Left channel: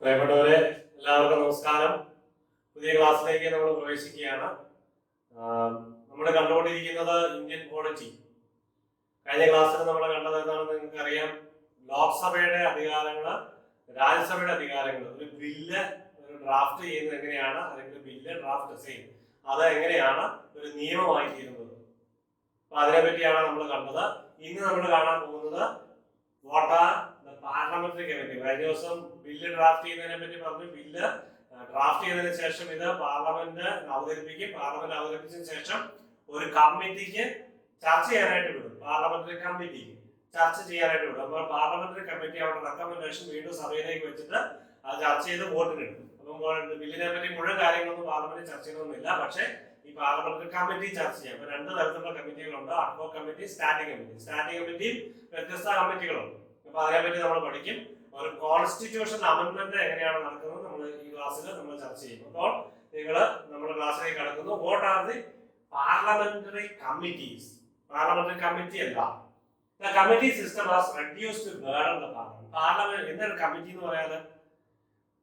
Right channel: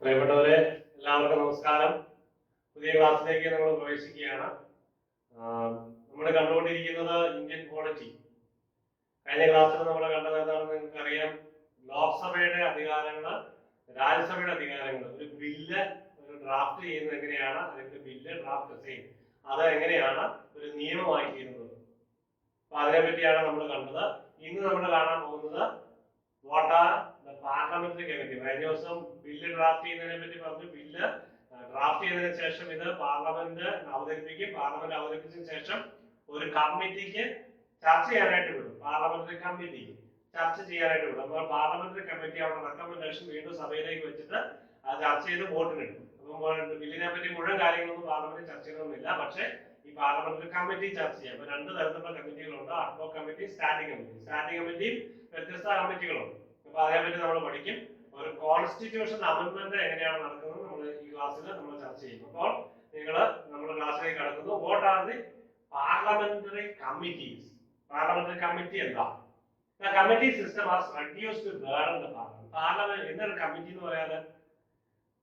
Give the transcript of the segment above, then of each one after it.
പ്രിയപ്പെട്ടവരെ, എല്ലാവർക്കും നമസ്കാരം. പുതിയ ക്ലാസ്സിലേക്ക് നമ്മൾ പ്രവേശിക്കുകയാണ്. നമ്മൾ കണ്ടുകൊണ്ടിരിക്കുന്നത് ഇന്ത്യൻ പോളിറ്റി. കഴിഞ്ഞ ക്ലാസ്സിൽ നമ്മൾ കണ്ടത് എന്താണെന്ന് നിങ്ങൾക്ക് അറിയാം. ലോക്സഭയുടെ അധികാരങ്ങൾ, രാജ്യസഭയുടെ അധികാരങ്ങൾ, ഒരു ബില്ല് ഡ്രാഫ്റ്റ് ചെയ്യുന്നത് എങ്ങനെയാണ്, അല്ലെങ്കിൽ ബില്ല് ഡ്രാഫ്റ്റ് ചെയ്യും അത് എങ്ങനെയാണ് ഒരു നിയമമായി തീരുന്നത്. അപ്പൊ അതിനെ പറ്റിയാണ് നമ്മൾ കണ്ടത്. ഇന്ന് നമ്മൾ കാണാൻ പോകുന്നത് what are the parliamentary committee. കഴിഞ്ഞ ദിവസം ബില്ല് ഡ്രാഫ്റ്റ് ചെയ്യുന്നതിനെ പറ്റി പറഞ്ഞു. ബില്ല് ഡ്രാഫ്റ്റ് ചെയ്തതിനു ശേഷം ഇത് പാർലമെന്റ് അവതരിപ്പിക്കും. പാർലമെന്റ് അവതരിപ്പിച്ചതിന് ശേഷം ഒരു കമ്മിറ്റിക്ക് ചർച്ച ചെയ്യാനായിട്ട് വിടും. പാർലമെന്ററി കമ്മിറ്റിക്ക് ചർച്ച ചെയ്യാനായിട്ട് വിടും. അപ്പോൾ പാർലമെന്ററി കമ്മിറ്റി അവരുടെ റെക്കമെൻഡേഷൻ വീണ്ടും സഭയിലേക്ക് വെച്ചിട്ട് അത് ചർച്ച ചെയ്ത് വോട്ടിനിടും. അപ്പം ബില്ലിനെ പറ്റി മുഴുവൻ കാര്യങ്ങളൊന്നും പാർലമെന്റ് ചർച്ച ചെയ്യണമെന്നില്ല. പക്ഷേ ഈ പാർലമെന്ററി കമ്മിറ്റി ചർച്ച ചെയ്യാം. അപ്പൊ രണ്ട് തരത്തിലുള്ള കമ്മിറ്റികളുണ്ട്: ad hoc committee, standing committee. Standing കമ്മിറ്റിയും വ്യത്യസ്ത കമ്മിറ്റികളുണ്ട്. അപ്പൊ അതിനെപ്പറ്റി നമ്മൾ പഠിക്കും. ഒരു കോൺസ്റ്റിറ്റ്യൂഷൻ അമെന്റ്മെന്റ് എങ്ങനെയാണ് നടക്കുന്നത് നമ്മൾ ഈ ക്ലാസ്സിൽ നമ്മൾ ചർച്ച ചെയ്യും. അപ്പോൾ നിങ്ങൾ നമ്മുടെ ക്ലാസ്സിലേക്ക് കടക്കുന്നു. What are the parliamentary committees? Parliamentary committee എന്താ? The committee system has reduced the burden of the parliament. Parliament എന്താണ് കമ്മിറ്റി എന്ന് പറയാതെ?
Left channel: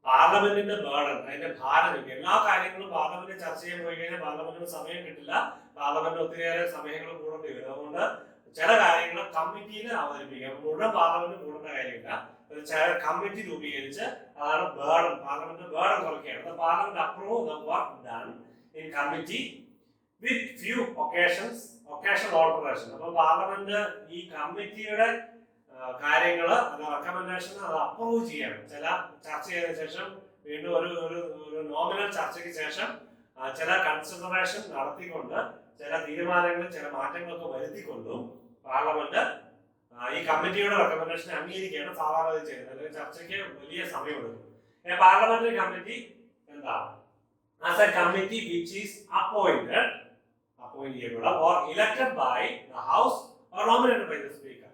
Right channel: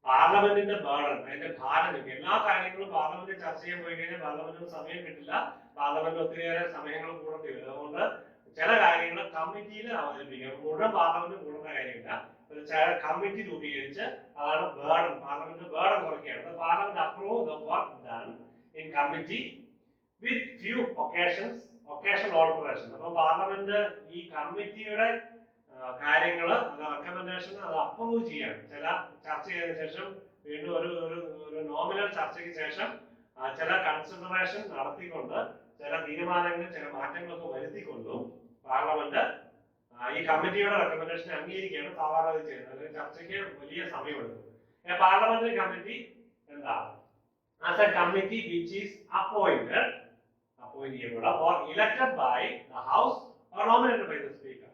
പാർലമെന്റിന്റെ ബേർഡൻ, അതിന്റെ ഭാരം. എല്ലാ കാര്യങ്ങളും പാർലമെന്റ് ചർച്ച ചെയ്യാൻ പോയി കഴിഞ്ഞാൽ പാർലമെന്റിന് സമയം കിട്ടില്ല. പാർലമെന്റ് ഒത്തിരിയേറെ സമയങ്ങൾ കൂടേണ്ടി വരും. അതുകൊണ്ട് ചില കാര്യങ്ങൾ കമ്മിറ്റിയിൽ അവതരിപ്പിക്കാം. മുഴുവൻ പാർലമെന്റ് കൂടേണ്ട കാര്യമില്ല. കമ്മിറ്റി രൂപീകരിച്ച് അതാണ് ബേർഡൻ. പാർലമെന്റ് ബേർഡൻ കുറയ്ക്കുകയാണ്. Parliament approve the work done in committee with few occasional alteration. അപ്പൊ പാർലമെന്റ് ഈ കമ്മിറ്റിയുടെ കാര്യങ്ങൾ, അത് റെക്കമെൻഡേഷൻ, അത് അപ്രൂവ് ചെയ്യണം. ചില ചർച്ച ചെയ്തതിനു ശേഷം വീണ്ടും ഒരു നോമിനൽ ചർച്ചയ്ക്ക് ശേഷം ചില കൺസിഡറേഷൻ നടത്തിക്കൊണ്ട് ചില തീരുമാനങ്ങളിൽ ചില മാറ്റങ്ങളൊക്കെ വരുത്തിക്കൊണ്ടും പാർലമെന്റ് ഈ കമ്മിറ്റിയുടെ റെക്കമെൻഡേഷൻ അംഗീകരിക്കുകയാണ് സാധാരണ ചെയ്യുന്നത്. അല്ലെങ്കിൽ ചർച്ചയ്ക്ക് വലിയ സമയമെടുക്കും. പാർലമെന്ററി കമ്മിറ്റി എന്താണ്? As a committee which is appointed or elected by the house or nominated by the speaker.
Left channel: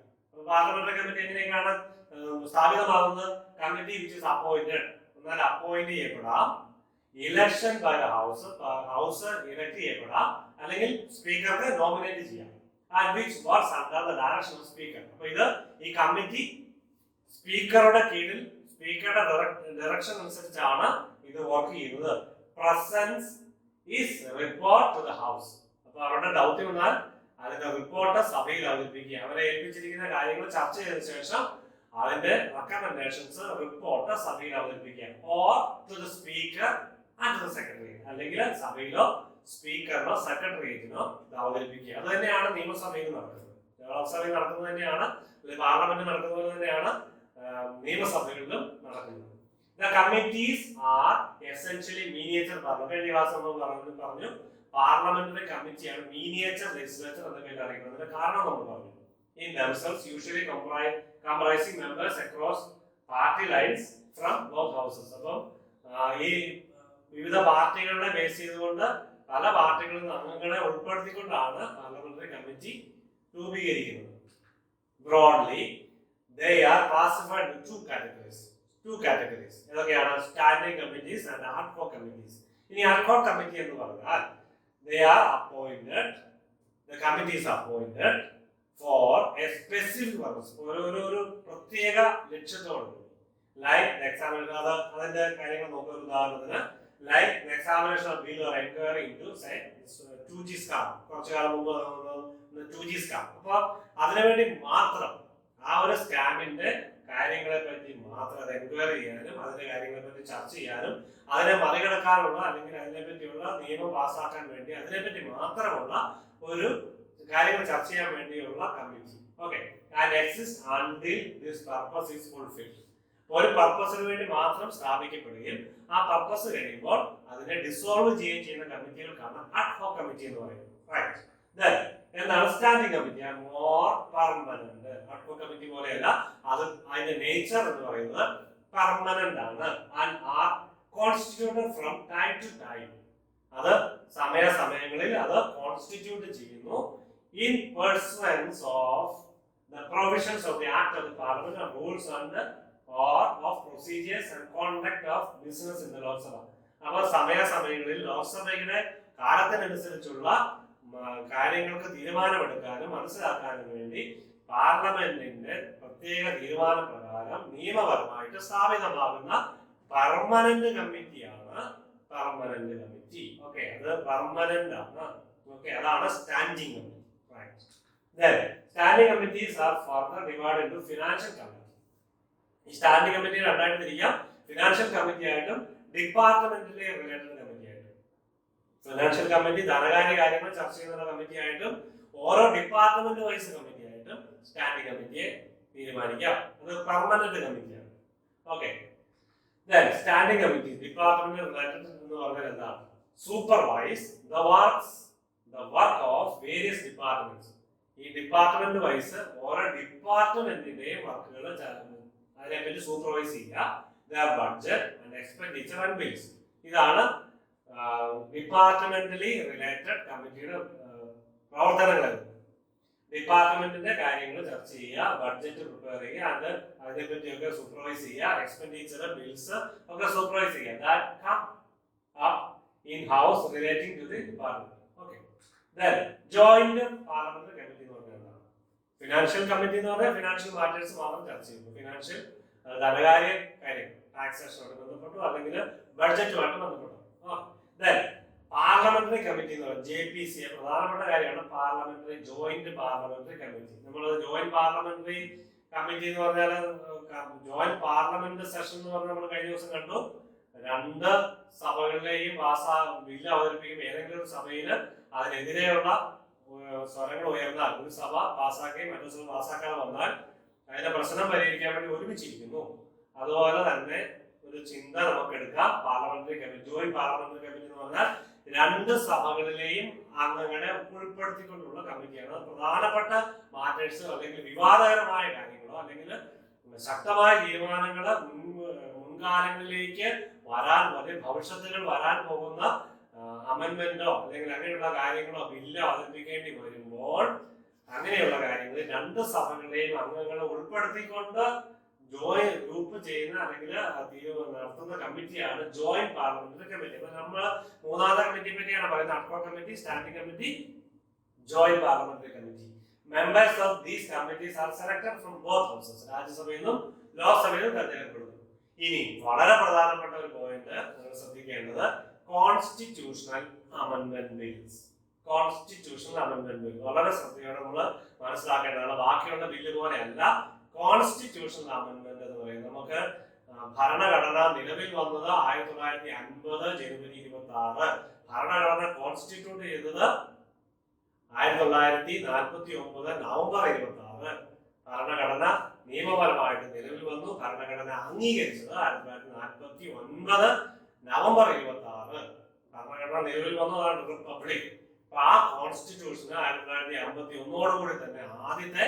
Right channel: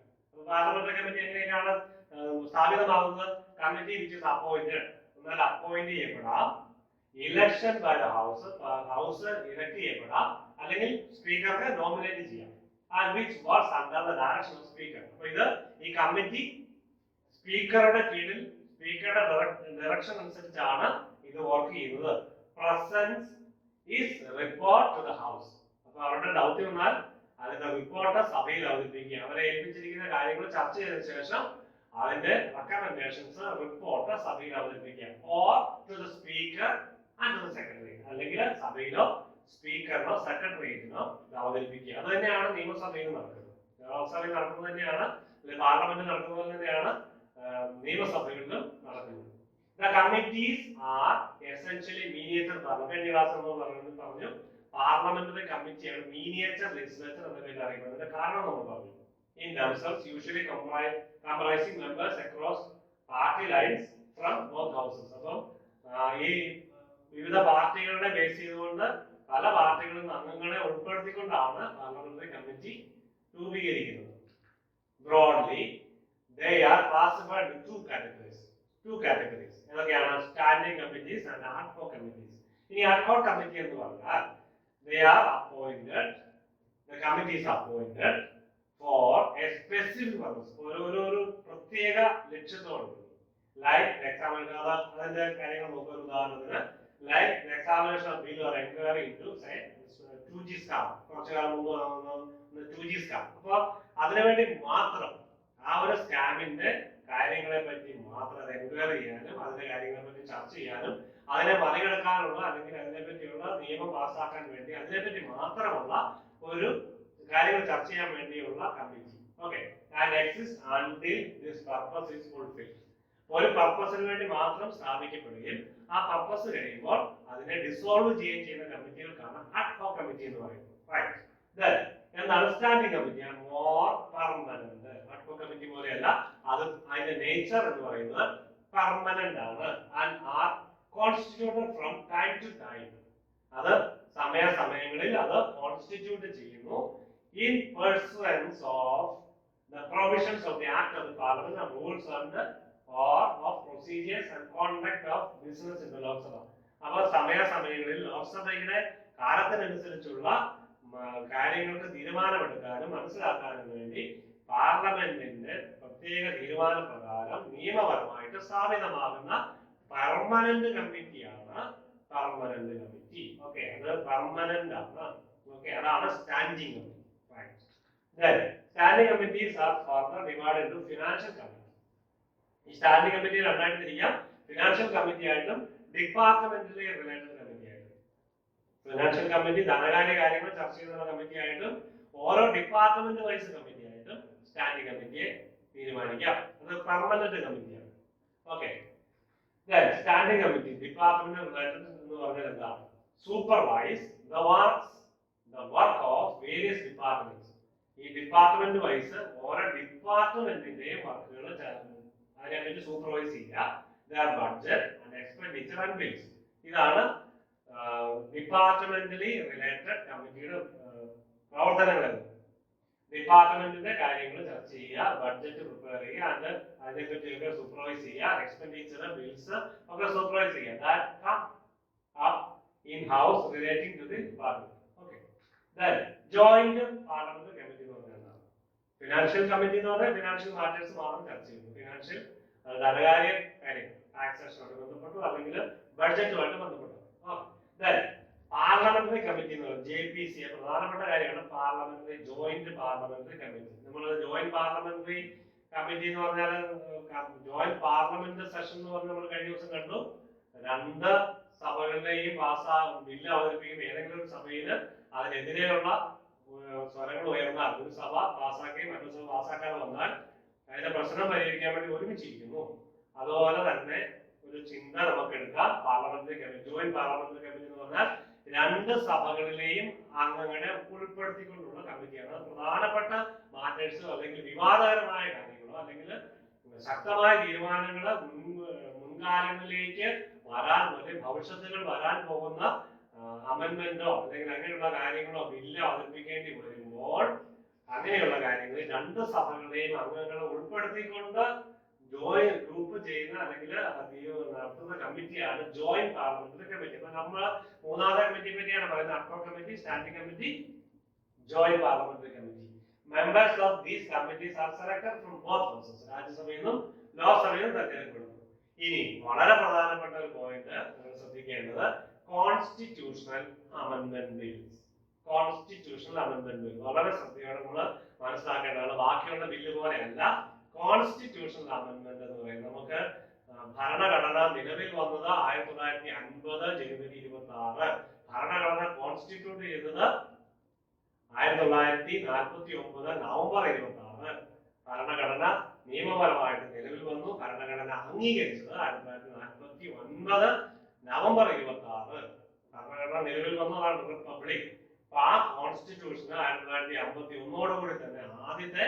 Parliamentary committee എങ്ങനെയാണ് സ്ഥാപിതമാകുന്നത്? കമ്മിറ്റി വിച്ച് ഇസ് അപ്പോയിന്റഡ്, എന്നാൽ അപ്പോയിന്റ് ചെയ്യപ്പെടാം. Election by the house elect ചെയ്യപ്പെടാം, അല്ലെങ്കിൽ സ്പീക്കർക്ക് നോമിനേറ്റ് ചെയ്യാം. And which works under the direction of speaker. അപ്പൊ ഇത് ഈ കമ്മിറ്റി സ്പീക്കറുടെ കീഴിൽ, സ്പീക്കറുടെ ഡയറക്ഷൻ അനുസരിച്ചാണ് ഇത് വർക്ക് ചെയ്യുന്നത്. Presents is report to the house. അപ്പൊ അവരുടെ ദൗത്യം എന്നാൽ അതിന്റെ റിപ്പോർട്ട് സഭയിൽ അവതരിപ്പിക്കുക. അവരെ ഏൽപ്പിച്ചിരിക്കുന്ന കാര്യങ്ങൾ ചർച്ച ചെയ്തതിനു ശേഷം അതിന്റെ റെക്കമെൻഡേഷൻസ്, റിപ്പോർട്ട് സഭയിൽ അവതരിപ്പിക്കുക. Or to the speaker and to the secretary, അല്ലെങ്കിൽ സഭയിലോ സ്പീക്കറിനോ സെക്രട്ടറിയേറ്റിനോ ഇത് അവതരിപ്പിക്കുക. അത് തന്നെയാണ് നിയമസഭയിൽ നടക്കുന്നത്. ലോക്സഭയിൽ നടക്കുന്നത് തന്നെയാണ്, പാർലമെന്റ് നടക്കുന്നത് തന്നെയാണ് നിയമസഭകളിലും നടക്കുന്നത്. The committees are essentially miniature parliament. കഴിഞ്ഞ ക്ലാസ് നമ്മൾ പറഞ്ഞു പാർലമെന്ററി കമ്മിറ്റിയാണ് മീനിയേച്ചർ ലെജിസ്ലേച്ചർ എന്ന പേരിൽ അറിയപ്പെടുന്നത്. അതിന്റെ കാരണം നമ്മൾ പറഞ്ഞു. In themselves usually comprising members across party lines from both houses. അപ്പം ഈ വിവിധ പാർട്ടികളെ ബേസ് ചെയ്തുകൊണ്ട് പല പാർട്ടികളിൽ നിന്ന് അംഗങ്ങളെ ഉൾപ്പെടുത്തിക്കൊണ്ടാണ് പാർലമെന്ററി കമ്മിറ്റി രൂപീകരിക്കുന്നത്. Broadly, they are classified into two categories. ഏതൊക്കെയാണ്? Standing committees and ad hoc committees. ഇനി അഡ്ഹോക് കമ്മിറ്റി എന്ന് പറഞ്ഞാൽ they are appointed, the committee is appointed for a specific purpose. ഒരു പ്രത്യേക ലക്ഷ്യത്തോട്. ലൈക്ക് എക്സാമിനേഷൻ, അതിന്റെ കാര്യങ്ങൾ നോക്കുക. ഉദാഹരണത്തിന് like examination of bill or enquiry into say 2G scam. കുറച്ചു കാലം മുമ്പ് 2G സ്കാം. അപ്പൊ അതിനുവേണ്ടി മാത്രം ആ ഒരു സ്കാമിന്റെ കാര്യങ്ങളെ പറ്റി മാത്രം അത് എൻക്വയറി ചെയ്യാനും അതിന്റെ കാര്യങ്ങളെ പറ്റി ചർച്ച ചെയ്യാനും അതിനെ മറികടക്കാനുള്ള, അല്ലെങ്കിൽ അതിനെ പറ്റിയുള്ള നിയമം പാസ്സാക്കാൻ വേണ്ടി അതിനെപ്പറ്റി മാത്രമുള്ള ഒരു കാര്യങ്ങൾ ചർച്ച ചെയ്യാൻ വേണ്ടിയുള്ള committee. Okay, and exist until this purpose is fulfilled. ഒരു പർപ്പസിന് വേണ്ടി മാത്രം സ്ഥാപിക്കപ്പെടുകയും ആ പർപ്പസ് കഴിയുമ്പോൾ അതിനെ ഡിസോൾവ് ചെയ്യുകയും ചെയ്യുന്ന കമ്മിറ്റികൾക്കാണ് അഡ്ഹോക് കമ്മിറ്റി എന്ന് പറയുന്നത്. റൈറ്റ്. ദെൻ എന്താണ് standing committee? More permanent. Ad hoc committee പോലെയല്ല, അത് അതിന്റെ നേച്ചർ എന്ന് പറയുന്നത് പെർമനന്റ് ആണ്. And R constituted from time to time. അത് സമയങ്ങളിൽ അത് കോൺസ്റ്റിറ്റ്യൂട്ട് ചെയ്യുന്നു in persons of the provisions of the act of the parliament and rules and or of procedures and conduct of business in the Lok Sabha. അപ്പോൾ സമയങ്ങളിൽ ലോക്സഭയുടെ കാലത്തിനനുസരിച്ചുള്ള കാര്യങ്ങൾക്ക് തീരുമാനമെടുക്കാനും മനസ്സിലാക്കാനും വേണ്ടി പാർലമെന്റിന്റെ പ്രത്യേക തീരുമാനപ്രകാരം നിയമപരമായിട്ട് സ്ഥാപിതമാകുന്ന പെർമനന്റ് കമ്മിറ്റിയാണ് പെർമനന്റ് കമ്മിറ്റി. ഓക്കെ, അത് പെർമനന്റ് ആണ്. ഓക്കെ, അതാണ് standing committee. Standing committees R further divided into financial committee. ഈ സ്റ്റാൻഡിംഗ് കമ്മിറ്റി രണ്ടായിട്ട് തിരിക്കാം. ഫിനാൻഷ്യൽ കമ്മിറ്റി ആയിട്ടും ഡിപ്പാർട്ട്മെന്റിലെ റിലേറ്റഡ് കമ്മിറ്റി ആയിട്ടും. ഫിനാൻഷ്യൽ കമ്മിറ്റി ധനകാര്യ കാര്യങ്ങൾ ചർച്ച ചെയ്യുന്ന കമ്മിറ്റി ആയിട്ടും ഓരോ ഡിപ്പാർട്ട്മെന്റ് വൈസ് കമ്മിറ്റി ആയിട്ടും സ്റ്റാൻഡിംഗ് കമ്മിറ്റിയെ തീരുമാനിക്കാം. അത് പെർമനന്റ് കമ്മിറ്റിയാണ്. Okay, standing committee department related എന്ന് പറഞ്ഞാൽ എന്താണ്? Supervise the work of various departments. ഈ ഡിപ്പാർട്ട്മെന്റ് വൈസ് ഓരോ ഡിപ്പാർട്ട്മെന്റിന്റെയും വർക്കുകൾ അതിനെപ്പറ്റി സൂപ്പർവൈസ് ചെയ്യുക. Budget and expenditure and bills. ഇതാണ് ഡിപ്പാർട്ട്മെന്റലി റിലേറ്റഡ് കമ്മിറ്റിയുടെ പ്രവർത്തനങ്ങൾ. ഡിപ്പാർട്ട്മെന്റിന്റെ കാര്യങ്ങൾ ചർച്ച ചെയ്യുക, ബഡ്ജറ്റ് പ്രിപ്പയർ ചെയ്യുക, അതിനെപ്പറ്റിയൊക്കെ സൂപ്പർവൈസ് ചെയ്യുക, എക്സ്പെൻഡിച്ചർ ബിൽസ് ഒക്കെ സൂപ്പർവൈസ് ചെയ്യുക. That come up in house relating to the department. Okay, then joint parliamentary committee എന്ന് പറഞ്ഞാൽ എന്താണ്? ഫിനാൻഷ്യൽ കമ്മിറ്റി എന്ന് പറഞ്ഞാൽ ഫിനാൻഷ്യൽ മാറ്റേഴ്സ് മാത്രം ചർച്ച ചെയ്യുന്നു. ഫിനാൻഷ്യൽ ധനകാര്യ കാര്യങ്ങൾ ടാക്സേഷനുമായിട്ട് ബന്ധപ്പെട്ടു അല്ലെങ്കിൽ ബഡ്ജറ്റുമായിട്ട് ബന്ധപ്പെട്ടു. പാർലമെന്ററി കമ്മിറ്റി എന്ന് പറയുന്നത് JPC പ്രധാനപ്പെട്ട കാര്യമാണ്. Parliamentary joint parliamentary committee. നമ്മൾ ജോയിന്റ് പാർലമെന്ററി കമ്മിറ്റി എന്ന് പറഞ്ഞാൽ ജോയിന്റ് പാർലമെന്റ് സെഷൻ എന്ന് പറഞ്ഞാൽ നമ്മൾ കഴിഞ്ഞ ദിവസം കണ്ടു. രണ്ട് സഭകളിലെയും ബില്ല് അവതരിപ്പിക്കും. ഏതെങ്കിലും ഒരു സഭയിൽ അതിനെതിരെയുള്ള സ്വരങ്ങൾ ഉയർന്നാൽ ഒരു സഭ പാസ്സാക്കുകയും മറ്റൊരു സഭ പാസ്സാക്കാതെ വന്നാൽ അതിന്റെ പ്രശ്നം പരിഹരിക്കാൻ വേണ്ടി ഒരുമിച്ചിരിക്കുന്നു. അതുപോലെ തന്നെ ഒരു ചിന്ത നമുക്ക് എടുക്കാം. Parliamentary committee, joint parliamentary committee എന്ന് പറഞ്ഞാൽ രണ്ട് സഭകളിലെയും അംഗങ്ങളെ ഉൾപ്പെടുത്തിക്കൊണ്ടുള്ള കമ്മിറ്റിയാണ്. പ്രധാനപ്പെട്ട മാറ്റേഴ്സോ അല്ലെങ്കിൽ വിവാദകരമായ കാര്യങ്ങളോ അല്ലെങ്കിൽ ശക്തമായ തീരുമാനങ്ങളോ മുൻകാലങ്ങളിലേക്ക് ഭവിഷ്യത്തുകൾ വരാൻ പോകുന്ന അമെന്റ്മെന്റോ അല്ലെങ്കിൽ അങ്ങനെയുള്ള കാര്യങ്ങളോ ബില്ലോ അവതരിപ്പിക്കേണ്ടി വരുമ്പോൾ അങ്ങനെയുള്ള കാര്യങ്ങളിൽ രണ്ട് സഭകളുടെയും അംഗങ്ങളെ ഉൾപ്പെടുത്തിക്കൊണ്ട് ഗ്രൂപ്പ് ചെയ്യുന്ന അല്ലെങ്കിൽ നടത്തുന്ന കമ്മിറ്റിയാണ് ജോയിന്റ് പാർലമെന്ററി കമ്മിറ്റി. അപ്പൊ നമ്മൾ മൂന്നാമത്തെ കമ്മിറ്റിയെ പറ്റിയാണ് പറയുന്നത്. Ad hoc committee, standing committee, joint parliamentary committee. Members of these committees are selected from both houses. രാജ്യസഭയിൽ നിന്നും ലോക്സഭയിൽ നിന്നും തെരഞ്ഞെടുക്കപ്പെടുന്നു. ഇനി വളരെ പ്രധാനപ്പെട്ട ഒരു പോയിന്റ് നിങ്ങൾ ശ്രദ്ധിക്കേണ്ടത് constitutional amendment bills. Constitutional amendment bill വളരെ ശ്രദ്ധയോടെ നമ്മൾ മനസ്സിലാക്കേണ്ടതാണ്. ബാക്കിയുള്ള ബില്ല് പോലെയല്ല കോൺസ്റ്റിറ്റ്യൂഷണൽ അമെന്റ്മെന്റ് എന്ന് പറയുന്നത്. നമുക്ക് ഭരണഘടന നിലവിൽ വന്നത് 1950 ജനുവരി 26. ഭരണഘടന കോൺസ്റ്റിറ്റ്യൂട്ട് ചെയ്തത് 1949 നവംബർ 26. ഭരണഘടന നിയമപരമായിട്ട് നിലവിൽ വന്നു. ഭരണഘടന അംഗീകരിച്ചത് 1949 നവംബർ 26. ഭരണഘടന നിലവിൽ വന്നതാണ് റിപ്പബ്ലിക്. ആ കോൺസ്റ്റിറ്റ്യൂഷന് 1951 തന്നെ ആദ്യത്തെ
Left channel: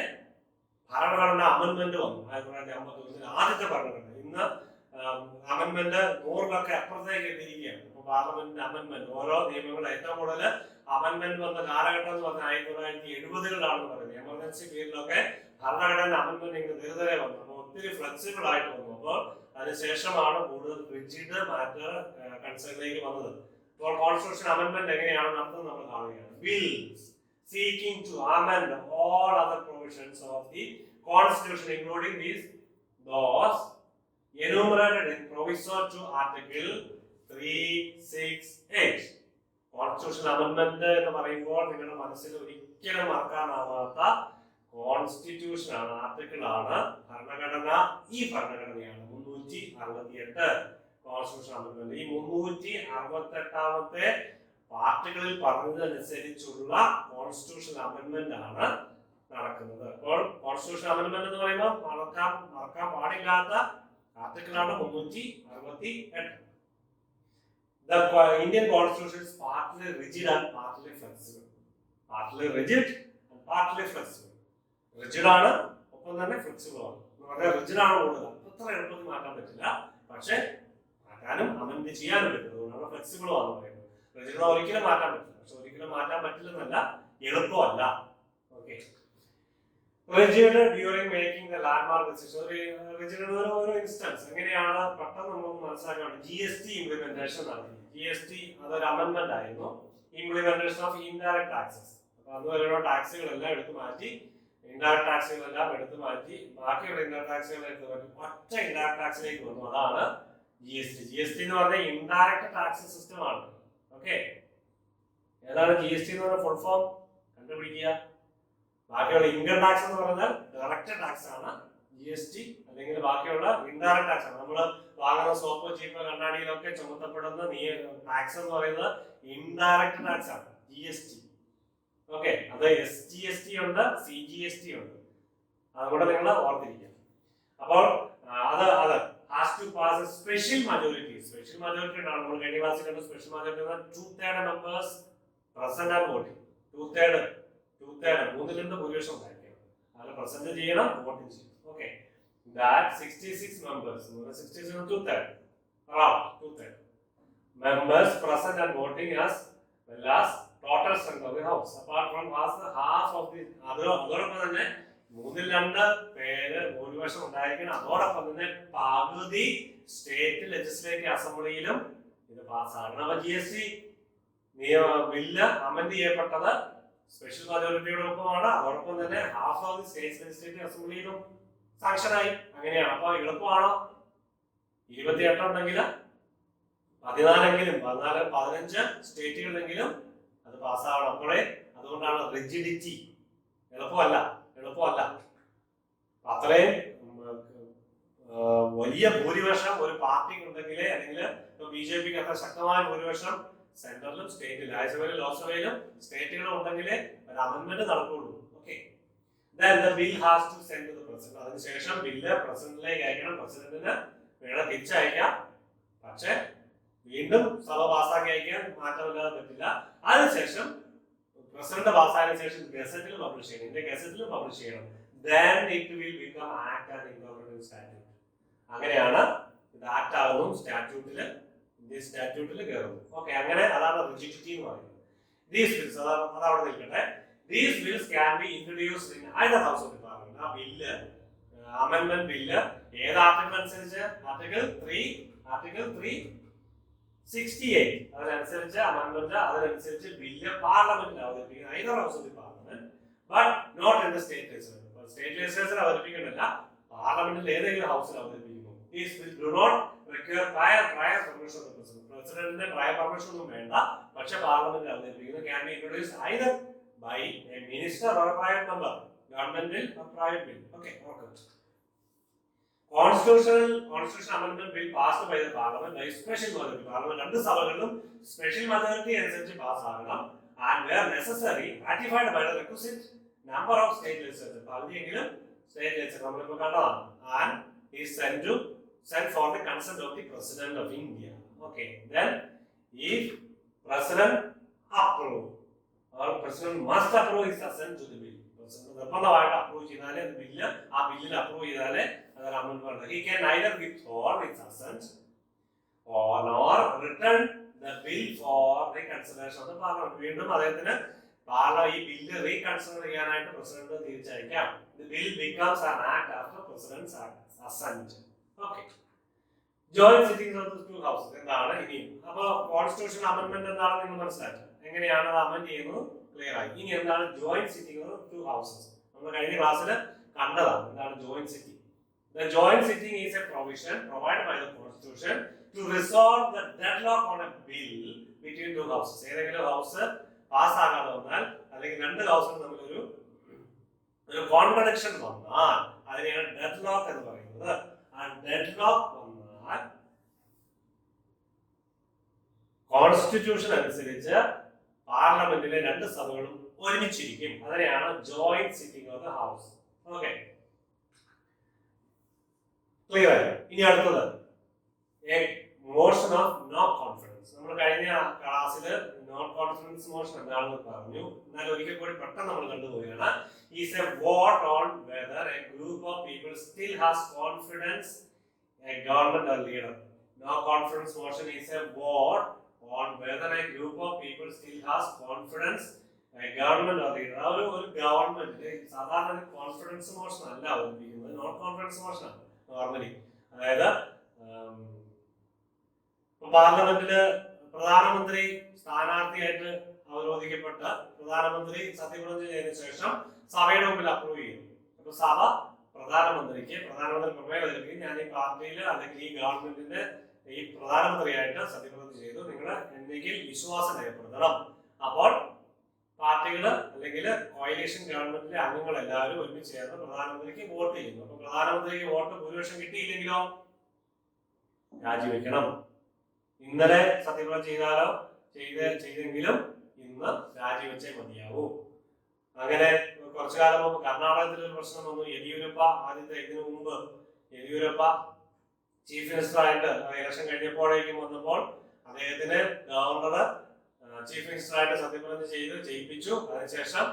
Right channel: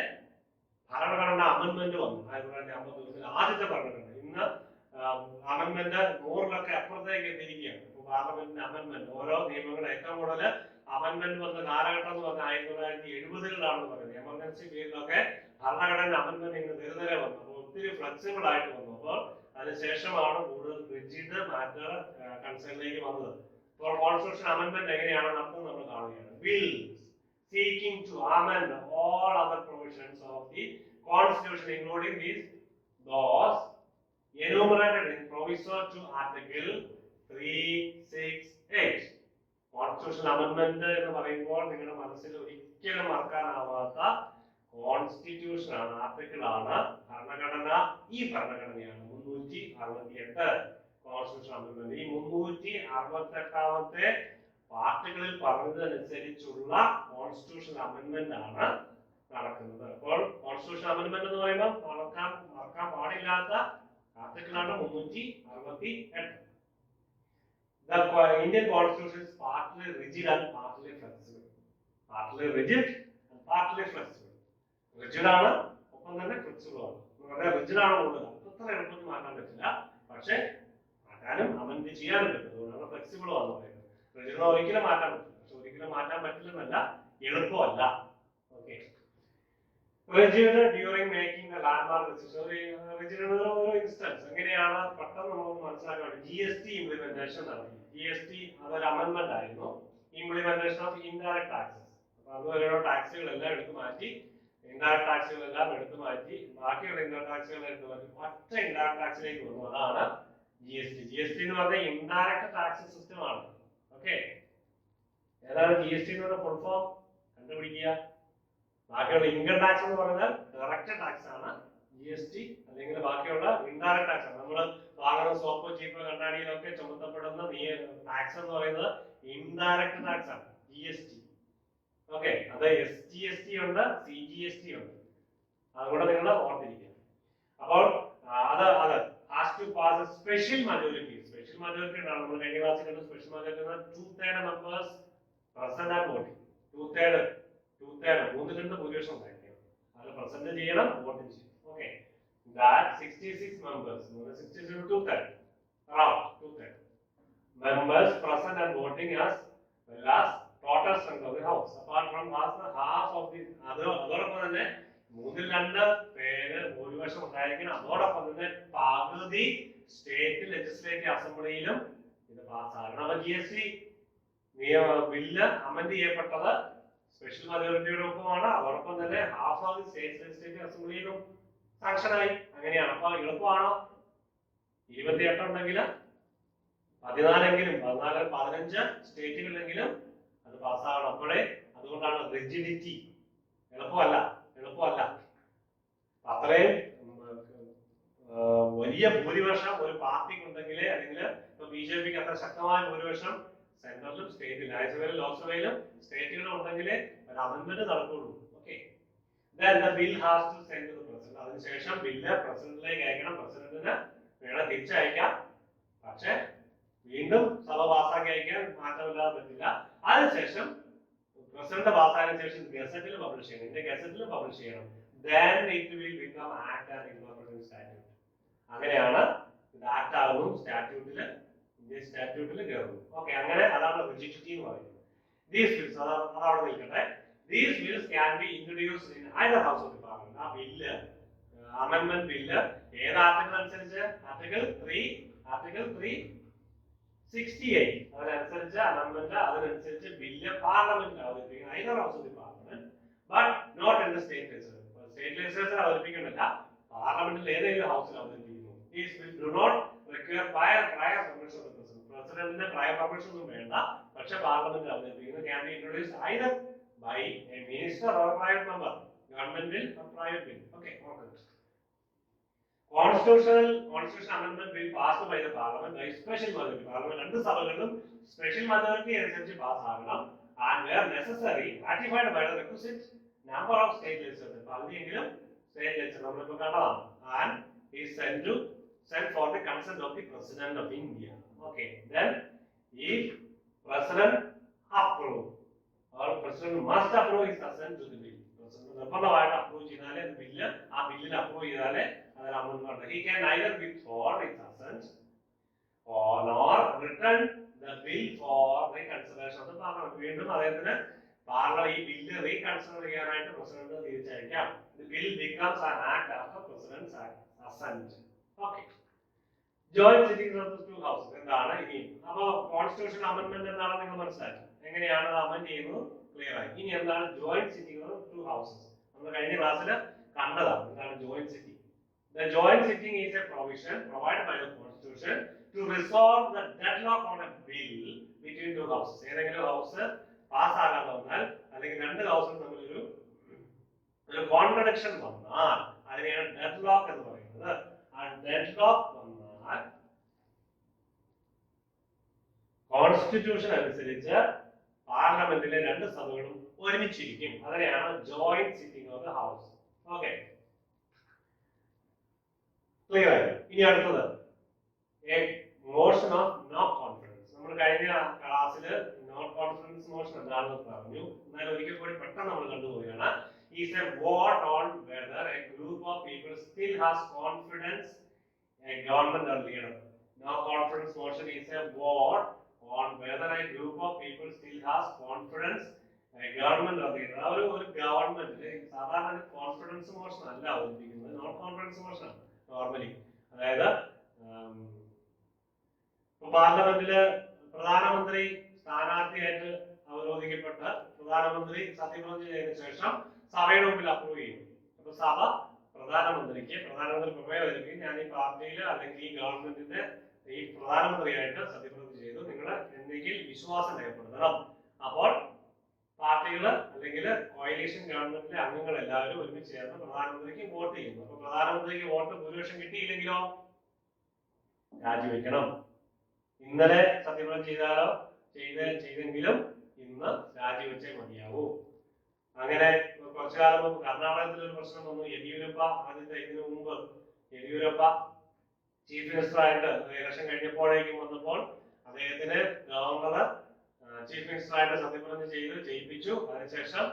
ഭരണഘടന അമെന്റ്മെന്റ് വന്നു. 1951 ആദ്യത്തെ ഭരണഘടന. ഇന്ന് അമെന്റ്മെന്റ് 100 അപ്പുറത്തേക്ക് എത്തിയിരിക്കുകയാണ്. ഇപ്പൊ പാർലമെന്റിന്റെ അമെന്റ്മെന്റ് ഓരോ നിയമങ്ങളും ഏറ്റവും കൂടുതൽ അമെന്റ്മെന്റ് വന്ന കാലഘട്ടം എന്ന് പറഞ്ഞാൽ 1970-കളാണെന്ന് പറയുന്നത്. എമർജൻസി പീരീഡിലൊക്കെ ഭരണഘടന അമെന്റ്മെന്റ് ഇങ്ങനെ തെരുതരെ വന്നു. അപ്പോൾ ഒത്തിരി ഫ്ലെക്സിബിൾ ആയിട്ട് വന്നു. അപ്പോൾ അതിനുശേഷമാണ് കൂടുതൽ റിജിഡ് മാറ്റർ കൺസേണിലേക്ക് വന്നത്. അപ്പോൾ കോൺസ്റ്റിറ്റ്യൂഷൻ അമെന്റ്മെന്റ് എങ്ങനെയാണ് നടത്തുന്നത് നമ്മൾ കാണുകയാണ്. Bills seeking to amend all other provisions of the Constitution, including those enumerated in proviso to Article 368. Constitutional amendment എന്ന് പറയുമ്പോൾ നിങ്ങളുടെ മനസ്സിൽ ഒരിക്കലും മറക്കാനാവാത്ത കോൺസ്റ്റിറ്റ്യൂഷൻ ആണ്, ആർട്ടിക്കിൾ ആണ്. ഭരണഘടന ഈ ഭരണഘടനയാണ് 368 കോൺസ്റ്റിറ്റ്യൂഷൻ അമെന്റ്മെന്റ്. ഈ 368ാമത്തെ പാർട്ടികളിൽ പറഞ്ഞതനുസരിച്ചുള്ള കോൺസ്റ്റിറ്റ്യൂഷൻ അമെന്റ്മെന്റ് ആണ് നടക്കുന്നത്. അപ്പോൾ കോൺസ്റ്റിറ്റ്യൂഷൻ അമെന്റ്മെന്റ് എന്ന് പറയുമ്പോൾ മറക്കാൻ പാടില്ലാത്ത ആർട്ടിക്കിളാണ് 368. The Indian Constitution is partly rigid and partly flexible. Partly rigid and partly flexible. Rigid ആണ്, ഒപ്പം തന്നെ ഫ്ലെക്സിബിൾ ആണ്. റിജിഡ് ആണ് കൂടുതൽ, അത്ര എളുപ്പത്തിൽ മാറ്റാൻ പറ്റില്ല. പക്ഷെ മാറ്റാനും അമെന്റ് ചെയ്യാനും പറ്റും. അതുകൊണ്ടാണ് ഫ്ലെക്സിബിൾ ആണെന്ന് പറയുന്നത്. റിജിഡ് ഒരിക്കലും മാറ്റാൻ പറ്റില്ല. പക്ഷെ ഒരിക്കലും മാറ്റാൻ പറ്റില്ലെന്നല്ല, എളുപ്പമല്ല. Okay, rigid during making the landmark decision. Rigid ഒരു ഇൻസ്റ്റൻസ് എങ്ങനെയാണ് പെട്ടെന്ന് നമുക്ക് മനസ്സിലാക്കാൻ വേണ്ടി GST ഇംപ്ലിമെന്റേഷൻ നടത്തി. GST അതൊരു അമെന്റ്മെന്റ് ആയിരുന്നു. Implementation of indirect taxes. അപ്പൊ അതുവരെയുള്ള ടാക്സുകളെല്ലാം എടുത്തു മാറ്റി, ഇൻഡയറക്ട് ടാക്സുകളെല്ലാം എടുത്തു മാറ്റി ബാക്കിയുള്ള ഇൻഡയറക്ട് ടാക്സുകൾ എടുത്തു മാറ്റി ഒറ്റ ഇൻഡയറക്ട് ടാക്സിലേക്ക് വന്നു. അതാണ് GST എന്ന് പറഞ്ഞാൽ ഇൻഡയറക്റ്റ് ടാക്സ് സിസ്റ്റം ആണ്. ഓക്കെ, ഏതാണ് GST എന്ന് പറഞ്ഞ ഫുൾ ഫോം കണ്ടുപിടിക്കുക. ബാക്കിയുള്ള ഇൻകം ടാക്സ് എന്ന് പറഞ്ഞാൽ ഡയറക്റ്റ് ടാക്സ് ആണ്. GST അല്ലെങ്കിൽ ബാക്കിയുള്ള ഇൻഡയറക്റ്റ് ടാക്സ് ആണ്. നമ്മൾ വാങ്ങുന്ന സോപ്പ്, ചീപ്പ്, കണ്ണാടിയിലൊക്കെ ചുമത്തപ്പെടുന്ന ടാക്സ് എന്ന് പറയുന്നത് ഇൻഡയറക്റ്റ് ടാക്സ് ആണ്, GST. ഓക്കെ, അത് SGST ഉണ്ട്, CGST ഉണ്ട്. അതുകൂടെ നിങ്ങൾ ഓർത്തിരിക്കുക. അപ്പോൾ അത് has to pass special majority. Special majority ആണ് നമ്മൾ കഴിഞ്ഞ ക്ലാസ്സിൽ കണ്ട special majority 2/3 members present and voting. 2/3 മൂന്നിൽ ഭൂരിപക്ഷം ഉണ്ടായിരിക്കണം. അതിൽ പ്രസന്റ് ചെയ്യണം, വോട്ടിംഗ് ചെയ്യണം. Okay, that 66 members, 66 2/3, around 2/3 members present and voting as well as total strength of the house. Apart from half of the അതോടൊപ്പം തന്നെ 2/3 പേര് ഭൂരിപക്ഷം ഉണ്ടായിരിക്കണം. അതോടൊപ്പം തന്നെ പകുതി സ്റ്റേറ്റ് ലെജിസ്ലേറ്റീവ് അസംബ്ലിയിലും ഇത് പാസ്സാകണം. അപ്പൊ GST ബില്ല് അമെൻഡ് ചെയ്യപ്പെട്ടത് സ്പെഷ്യൽ മജോറിറ്റിയുടെ ഒപ്പമാണ്. അതോടൊപ്പം തന്നെ half of the state legislative അസംബ്ലിയിലും സാങ്ഷനായി. അങ്ങനെയാണ്. അപ്പൊ എളുപ്പമാണോ? 28 ഉണ്ടെങ്കിൽ 14 15 സ്റ്റേറ്റുകളിലെങ്കിലും അത് പാസ്സാവണം. അപ്പോഴേ, അതുകൊണ്ടാണ് റിജിഡിറ്റി. എളുപ്പമല്ല. അത്രയും വലിയ ഭൂരിപക്ഷം ഒരു പാർട്ടിക്ക് ഉണ്ടെങ്കിൽ, അല്ലെങ്കിൽ ഇപ്പൊ BJPക്ക് അത്ര ശക്തമായ ഭൂരിപക്ഷം സെൻട്രലിലും സ്റ്റേറ്റിലും, രാജ്യസഭയിലും ലോക്സഭയിലും സ്റ്റേറ്റുകളും ഉണ്ടെങ്കിലേ ഒരു അമെന്റ്മെന്റ് നടക്കുകയുള്ളൂ. Okay, then the bill has to send to the president. അതിനുശേഷം ബില്ല് പ്രസിഡന്റിലേക്ക് അയക്കണം. പ്രസിഡന്റിന് വേണം തിരിച്ചയക്കാം, പക്ഷെ വീണ്ടും സഭ പാസ്സാക്കി അയക്കാൻ മാറ്റമില്ലാതെ പറ്റില്ല. അതിനുശേഷം പ്രസിഡന്റ് പാസ്സായതിനു ശേഷം ഗസറ്റിൽ പബ്ലിഷ് ചെയ്യണം. ഇന്ത്യ ഗസറ്റിൽ പബ്ലിഷ് ചെയ്യണം. then it will become act and incorporated statute. അങ്ങനെയാണ് ഇത് ആക്ട് ആകുന്നു, സ്റ്റാറ്റ്യൂട്ടില്, ഇന്ത്യ സ്റ്റാറ്റ്യൂട്ടിൽ കയറുന്നു. ഓക്കെ, അങ്ങനെ അതാണ് റിജിഡിറ്റി എന്ന് പറയുന്നത്. ദീസ് ബിൽസ് അതവിടെ നിൽക്കട്ടെ. These bills can be introduced in either house of the parliament. ആ ബില്ല്, അമെൻഡ്മെന്റ് ബില്ല് ഏത് ആർട്ടിക്കിൾ അനുസരിച്ച്? ആർട്ടിക്കിൾ 368 അതിനനുസരിച്ച് അമെൻഡ്മെന്റ്, അതിനനുസരിച്ച് ബില്ല് പാർലമെന്റിൽ അവതരിപ്പിക്കണം. either house of the parliament, but not in the state legislature. State legislature അവതരിപ്പിക്കുന്നില്ല, പാർലമെന്റിൽ ഏതെങ്കിലും ഹൗസിൽ അവതരിപ്പിക്കുന്നു. These bills do not require prior permission of the president. പ്രസിഡന്റിന്റെ prior permission ഒന്നും വേണ്ട, പക്ഷെ പാർലമെന്റിൽ അവതരിപ്പിക്കുന്നു. Can be introduced either by a minister or a private member. Government bill or private bill. Okay, Constitutional amendment bill passed by the parliament by special majority. Parliament രണ്ട് സഭകളിലും special majority അനുസരിച്ച് pass ആകണം. And where necessary ratified by the requisite number of state legislatures. പകുതിയെങ്കിലും state legislature നമ്മളിപ്പോൾ കണ്ടതാണ്. And is sent for the consent of the president of India. Okay, then if president approve or president must approve his assent to the bill. President നിർബന്ധമായിട്ട് approve ചെയ്താലേ അത് bill, ആ ബില്ലിൽ approve ചെയ്താലേ അതൊരു amendment. He can either withhold his assent or return the bill for reconsideration of the parliament. വീണ്ടും അദ്ദേഹത്തിന് ഈ ബില്ല് റീകൺസിഡർ ചെയ്യാനായിട്ട് president തിരിച്ചയക്കാം. The bill becomes an act after president's assent. Okay. Joint sittings of the two houses എന്താണ് ഇനി? അപ്പോൾ constitution amendment എന്താണ് നിങ്ങൾ മനസ്സിലാക്കി? എങ്ങനെയാണ് അത് അമെൻഡ് ചെയ്യുന്നത് ക്ലിയർ ആയി. ഇനി എന്താണ് joint sitting of two houses? നമ്മൾ കഴിഞ്ഞ ക്ലാസ്സിൽ കണ്ടതാണ് എന്താണ് joint sitting. The joint sitting is a provision provided by the constitution to resolve the deadlock on a bill between two houses. ഏതെങ്കിലും ഹൗസ് പാസ് ആകാതെ വന്നാൽ, അല്ലെങ്കിൽ രണ്ട് ഹൗസും തമ്മിൽ ഒരു കോൺട്രഡിക്ഷൻ വന്നാൽ അതിനെയാണ് ഡെഡ്ലോക്ക് എന്ന് പറയുന്നത്. ആ ഡെഡ്ലോക്ക് വന്നാൽ കോൺസ്റ്റിറ്റ്യൂഷൻ അനുസരിച്ച് പാർലമെന്റിലെ രണ്ട് സഭകളും ഒരുമിച്ചിരിക്കും. അതിനെയാണ് joint sitting of the house. Okay, clear ആയി. ഇനി അടുത്തത് മോഷൻ ഓഫ് നോ കോൺഫിഡൻസ്. നമ്മൾ കഴിഞ്ഞ ക്ലാസ്സിൽ നോ കോൺഫിഡൻസ് മോഷൻ എന്താണെന്ന് പറഞ്ഞു. എന്നാൽ ഒരിക്കൽ കൂടി പെട്ടെന്ന് നമ്മൾ കണ്ടുപോവുകയാണ്. Is a vote on whether a group of people still has confidence a government or leader. No confidence motion is a vote on whether a group of people still has confidence a government or leader. ഒരു ഗവൺമെന്റിന് സാധാരണ confidence motion അല്ല അവതരിപ്പിക്കുന്നത്, non confidence motion ആണ് normally. അതായത് പാർലമെന്റില് പ്രധാനമന്ത്രി സ്ഥാനാർത്ഥിയായിട്ട് അവരോധിക്കപ്പെട്ട പ്രധാനമന്ത്രി സത്യപ്രതിജ്ഞ ചെയ്തതിനു ശേഷം സഭയുടെ മുമ്പിൽ അപ്രൂവ് ചെയ്യും. അപ്പൊ സഭ പ്രധാനമന്ത്രി പ്രമേയം അവതരിപ്പിക്കും. ഞാൻ ഈ പാർട്ടിയിൽ അല്ലെങ്കിൽ ഈ ഗവൺമെന്റിന്റെ ഈ പ്രധാനമന്ത്രിയായിട്ട് സത്യപ്രതിജ്ഞ ചെയ്തു. നിങ്ങൾ എനിക്ക് വിശ്വാസം രേഖപ്പെടുത്തണം. അപ്പോൾ പാർട്ടികൾ അല്ലെങ്കിൽ കോയലീഷൻ ഗവൺമെന്റിലെ അംഗങ്ങൾ എല്ലാവരും ഒരുമിച്ച് ചേർന്ന് പ്രധാനമന്ത്രിക്ക് വോട്ട് ചെയ്യുന്നു. അപ്പൊ പ്രധാനമന്ത്രിക്ക് വോട്ട് ഭൂരിപക്ഷം കിട്ടിയില്ലെങ്കിലോ രാജിവെക്കണം. ഇന്നലെ സത്യപ്രതിജ്ഞ ചെയ്തെങ്കിലും ഇന്ന് രാജിവെച്ചേ മതിയാവൂ. അങ്ങനെ കുറച്ചു കാലം മുമ്പ് കർണാടകത്തിൽ ഒരു പ്രശ്നം വന്നു. യെദിയൂരപ്പ ഇതിനു മുമ്പ് യെദിയൂരപ്പ ചീഫ് മിനിസ്റ്റർ ആയിട്ട് ഇലക്ഷൻ കഴിഞ്ഞപ്പോഴേക്കും വന്നപ്പോൾ അദ്ദേഹത്തിന് ഗവർണർ ചീഫ് മിനിസ്റ്റർ ആയിട്ട് സത്യപ്രതിജ്ഞ ചെയ്ത് ജയിപ്പിച്ചു. അതിനുശേഷം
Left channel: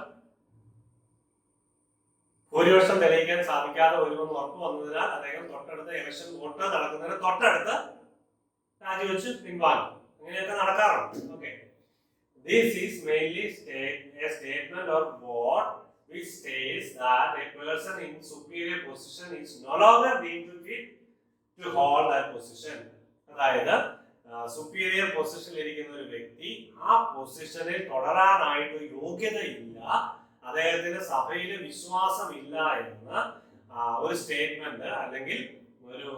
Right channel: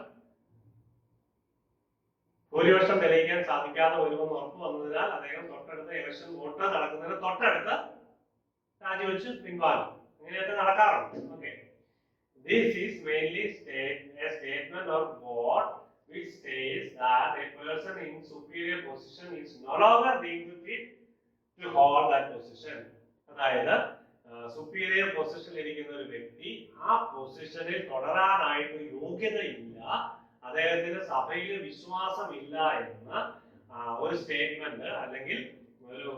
ഭൂരിപക്ഷം തെളിയിക്കാൻ സാധിക്കാതെ വരുമെന്ന് ഉറപ്പ് വന്നതിനാൽ അദ്ദേഹം തൊട്ടടുത്ത ഇലക്ഷൻ വോട്ട് നടക്കുന്നതിന് തൊട്ടടുത്ത് രാജിവെച്ച് പിൻവാങ്ങും. അങ്ങനെയൊക്കെ നടക്കാറുണ്ട്. Okay, this is mainly a statement of what which states that a person in superior position is no longer deemed fit to hold that position. അതായത് സുപ്പീരിയർ പൊസിഷനിൽ ഇരിക്കുന്ന ഒരു വ്യക്തി ആ പൊസിഷനിൽ തുടരാനായിട്ട് യോഗ്യതയില്ല, അദ്ദേഹത്തിന് സഭയിൽ വിശ്വാസമില്ല എന്ന് ഒരു സ്റ്റേറ്റ്മെന്റ് അല്ലെങ്കിൽ ഒരു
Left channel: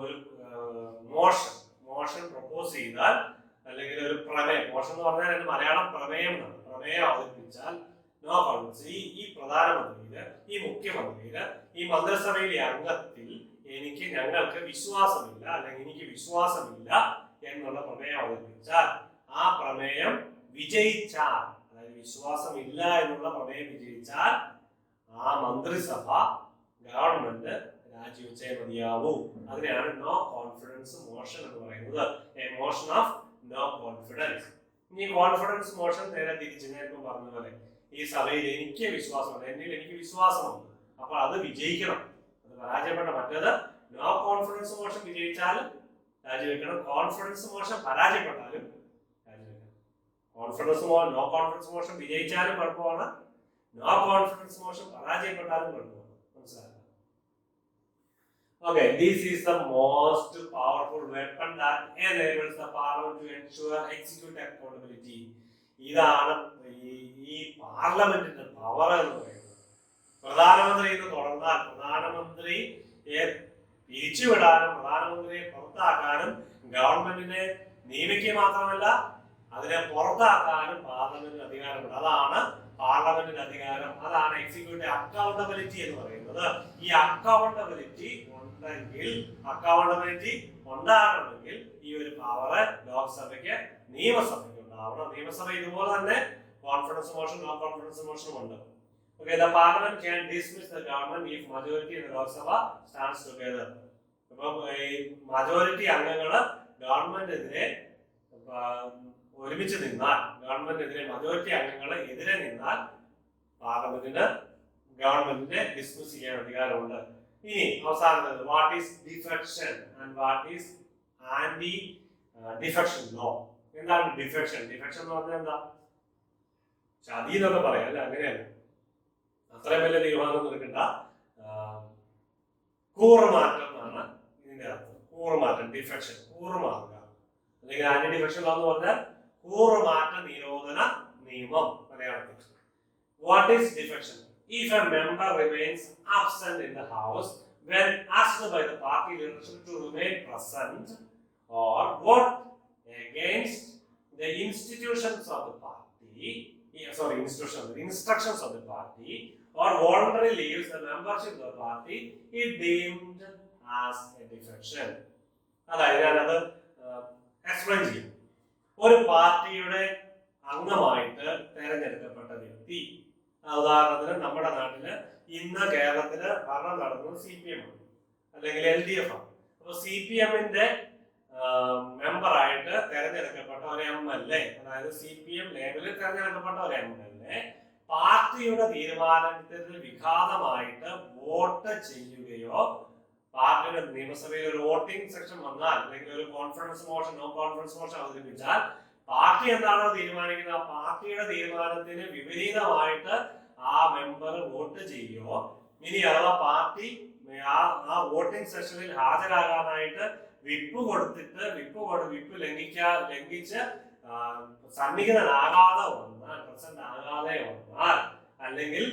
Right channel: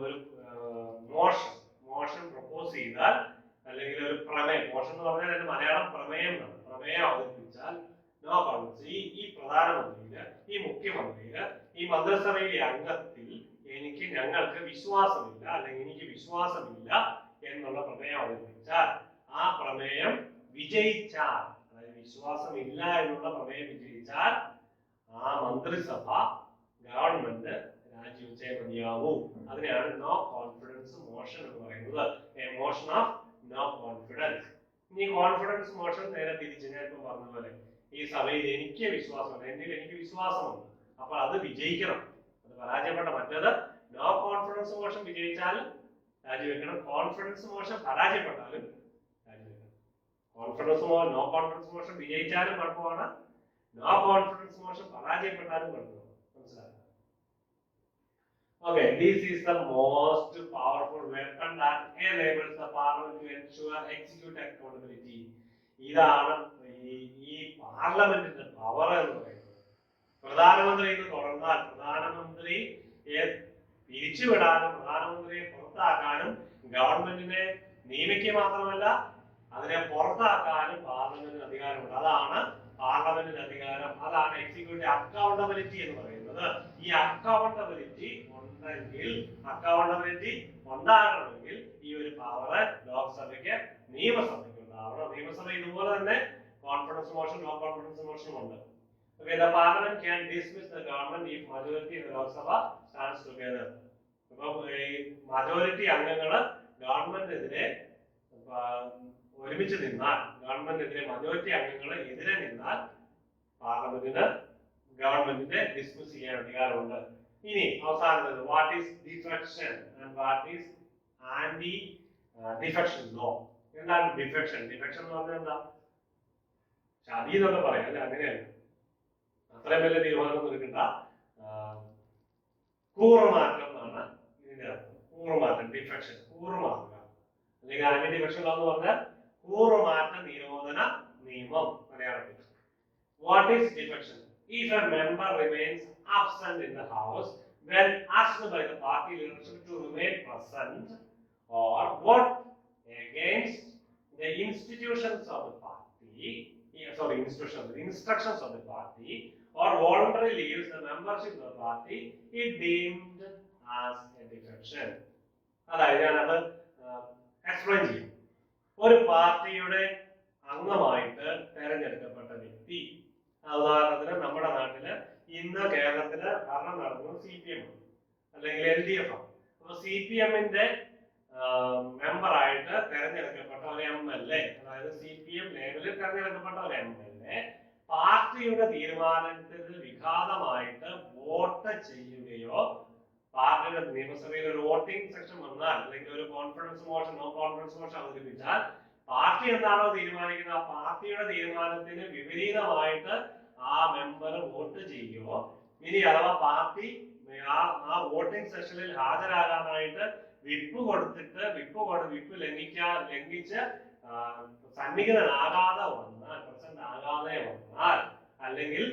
മോഷൻ പ്രപ്പോസ് ചെയ്താൽ, അല്ലെങ്കിൽ ഒരു പ്രമേയം, മോഷൻ എന്ന് പറഞ്ഞാൽ അതിന്റെ മലയാളം പ്രമേയം എന്നാണ്. പ്രമേയം അവതരിപ്പിച്ചാൽ നോ കോൺഫിഡൻസ്, ഈ പ്രധാനമന്ത്രിയില്, ഈ മുഖ്യമന്ത്രിയില്, ഈ മന്ത്രിസഭയിലെ അംഗത്തിൽ ഞങ്ങൾക്ക് വിശ്വാസമില്ല, അല്ലെങ്കിൽ എനിക്ക് വിശ്വാസമില്ല എന്നുള്ള പ്രമേയം അവതരിപ്പിച്ചാൽ, ആ പ്രമേയം വിജയിച്ചാൽ, അതായത് വിശ്വാസമില്ല എന്നുള്ള പ്രമേയം വിജയിച്ചാൽ ആ മന്ത്രിസഭ ഗവൺമെന്റ് രാജിവെച്ചേ മതിയാവൂ. അതിനെയാണ് നോ കോൺഫിഡൻസ് മോഷൻ എന്ന് പറയുന്നത്. A motion of no confidence. ഇനി കോൺഫിഡൻസ് മോഷൻ നേരെ തിരിച്ച് ഞാൻ ഇപ്പം പറഞ്ഞ പോലെ ഈ സഭയിൽ എനിക്ക് വിശ്വാസമുണ്ട്, എനിക്ക് വിശ്വാസമുണ്ട്, അപ്പോൾ അത് വിജയിക്കണം, അത് പരാജയപ്പെട്ട മറ്റേത് നോ കോൺഫിഡൻസ് മോഷൻ വിജയിച്ചാലും രാജിവെക്കണം, കോൺഫിഡൻസ് മോഷൻ പരാജയപ്പെട്ടാലും രാജിവെക്കണം. നോ കോൺഫിഡൻസ് മോഷൻ വിജയിച്ചാലും കുഴപ്പമാണ്, നോ കോൺഫിഡൻസ് മോഷൻ പരാജയപ്പെട്ടാലും കുഴപ്പമാണ്. മനസ്സിലാക്കുക? Okay, this is the most powerful weapon that enables the parliament to ensure execute accountability. ഇതാണ് ഈ പാർലമെന്റിന്റെ പവർ എന്ന് പറയുന്നത്. പ്രധാനമന്ത്രി എന്ന് തുടർന്നാൽ പ്രധാനമന്ത്രിയെ പിരിച്ചുവിടാനും പ്രധാനമന്ത്രിയെ പുറത്താക്കാനും ഗവൺമെന്റിനെ നിയമിക്കുക മാത്രമല്ല അതിനെ പുറത്താക്കാനും പാർലമെന്റിന് അധികാരമുണ്ട്. അതാണ് പാർലമെന്റിന്റെ അധികാരം, അതാണ് എക്സിക്യൂട്ടീവ് അക്കൗണ്ടബിലിറ്റി എന്ന് പറയുന്നത്. ഈ അക്കൗണ്ടബിലിറ്റി ഉണ്ടാകണമെങ്കിൽ ഈ ഒരു പവർ ലോക്സഭയ്ക്ക് നിയമസഭയ്ക്ക് ഉണ്ടാവണം. നിയമസഭ ഇതുപോലെ തന്നെ കോൺഫിഡൻസ് മോഷൻ നോ കോൺഫിഡൻസ് മോഷനും ഉണ്ട്. Okay, the parliament can dismiss the government if majority in the Lok Sabha stands together. അപ്പോൾ ഈ മജോറിറ്റി അംഗങ്ങൾ ഗവൺമെന്റിനെതിരെ ഒരുമിച്ച് നിന്നാൽ, ഗവൺമെന്റിനെതിരെ മജോറിറ്റി അംഗങ്ങൾ എതിരെ നിന്നാൽ പാർലമെന്റിന് ഗവൺമെന്റിനെ ഡിസ്മിസ് ചെയ്യാൻ അധികാരമുണ്ട്. ഇനി അവസാനത്തേത് what is defection and what is anti defection law. എന്താണ് ഡിഫെക്ഷൻ? ഡിഫെക്ഷൻ എന്ന് പറഞ്ഞാൽ എന്താ? ചതി എന്നൊക്കെ പറയാം അല്ലെ? അങ്ങനെയാണ്, അത്രയും വലിയ തീരുമാനം എടുക്കണ്ട. കൂറുമാറ്റം എന്നാണ് ഇതിന്റെ അർത്ഥം. കൂറുമാറ്റം, ഡിഫെക്ഷൻ, കൂറുമാറുക. അല്ലെങ്കിൽ ആന്റി ഡിഫെക്ഷൻ എന്ന് പറഞ്ഞാൽ കൂറുമാറ്റ നിരോധന നിയമം മലയാളത്തിൽ. What is defection? If a member remains absent in the house when asked by the party leadership to remain present or vote against the instructions of the party or voluntarily leaves the membership of the party is deemed as a defection. അതായത് ഞാനത് explain ചെയ്യും. ഒരു പാർട്ടിയുടെ അംഗമായിട്ട് തെരഞ്ഞെടുക്കപ്പെട്ട വ്യക്തി, ഉദാഹരണത്തിന് നമ്മുടെ നാട്ടില് ഇന്ന് കേരളത്തില് ഭരണം നടന്നത് CPM ആണ് അല്ലെങ്കിൽ LDF ആണ്. അപ്പൊ CPM-ന്റെ മെമ്പറായിട്ട് തെരഞ്ഞെടുക്കപ്പെട്ട ഒരു MLA, അതായത് CPM ലേബലിൽ തെരഞ്ഞെടുക്കപ്പെട്ട ഒരു MLA പാർട്ടിയുടെ തീരുമാനത്തിന് വിഘാതമായിട്ട് വോട്ട് ചെയ്യുകയോ, പാർട്ടിയുടെ നിയമസഭയിൽ ഒരു വോട്ടിംഗ് സെക്ഷൻ വന്നാൽ അല്ലെങ്കിൽ ഒരു confidence motion no confidence motion അവതരിപ്പിച്ചാൽ പാർട്ടി എന്താണോ തീരുമാനിക്കുന്നത് ആ പാർട്ടിയുടെ തീരുമാനത്തിന് വിപരീതമായിട്ട് ആ മെമ്പർ വോട്ട് ചെയ്യുകയോ, ഇനി അഥവാ പാർട്ടി ആ വോട്ടിംഗ് സെഷനിൽ ഹാജരാകാനായിട്ട് വിപ്പ് കൊടുത്തിട്ട് വിപ്പ് ലംഘിച്ച് സന്നിഹിതനാകാതെ വന്നാൽ, പ്രസന്റ് ആകാതെ വന്നാൽ, അല്ലെങ്കിൽ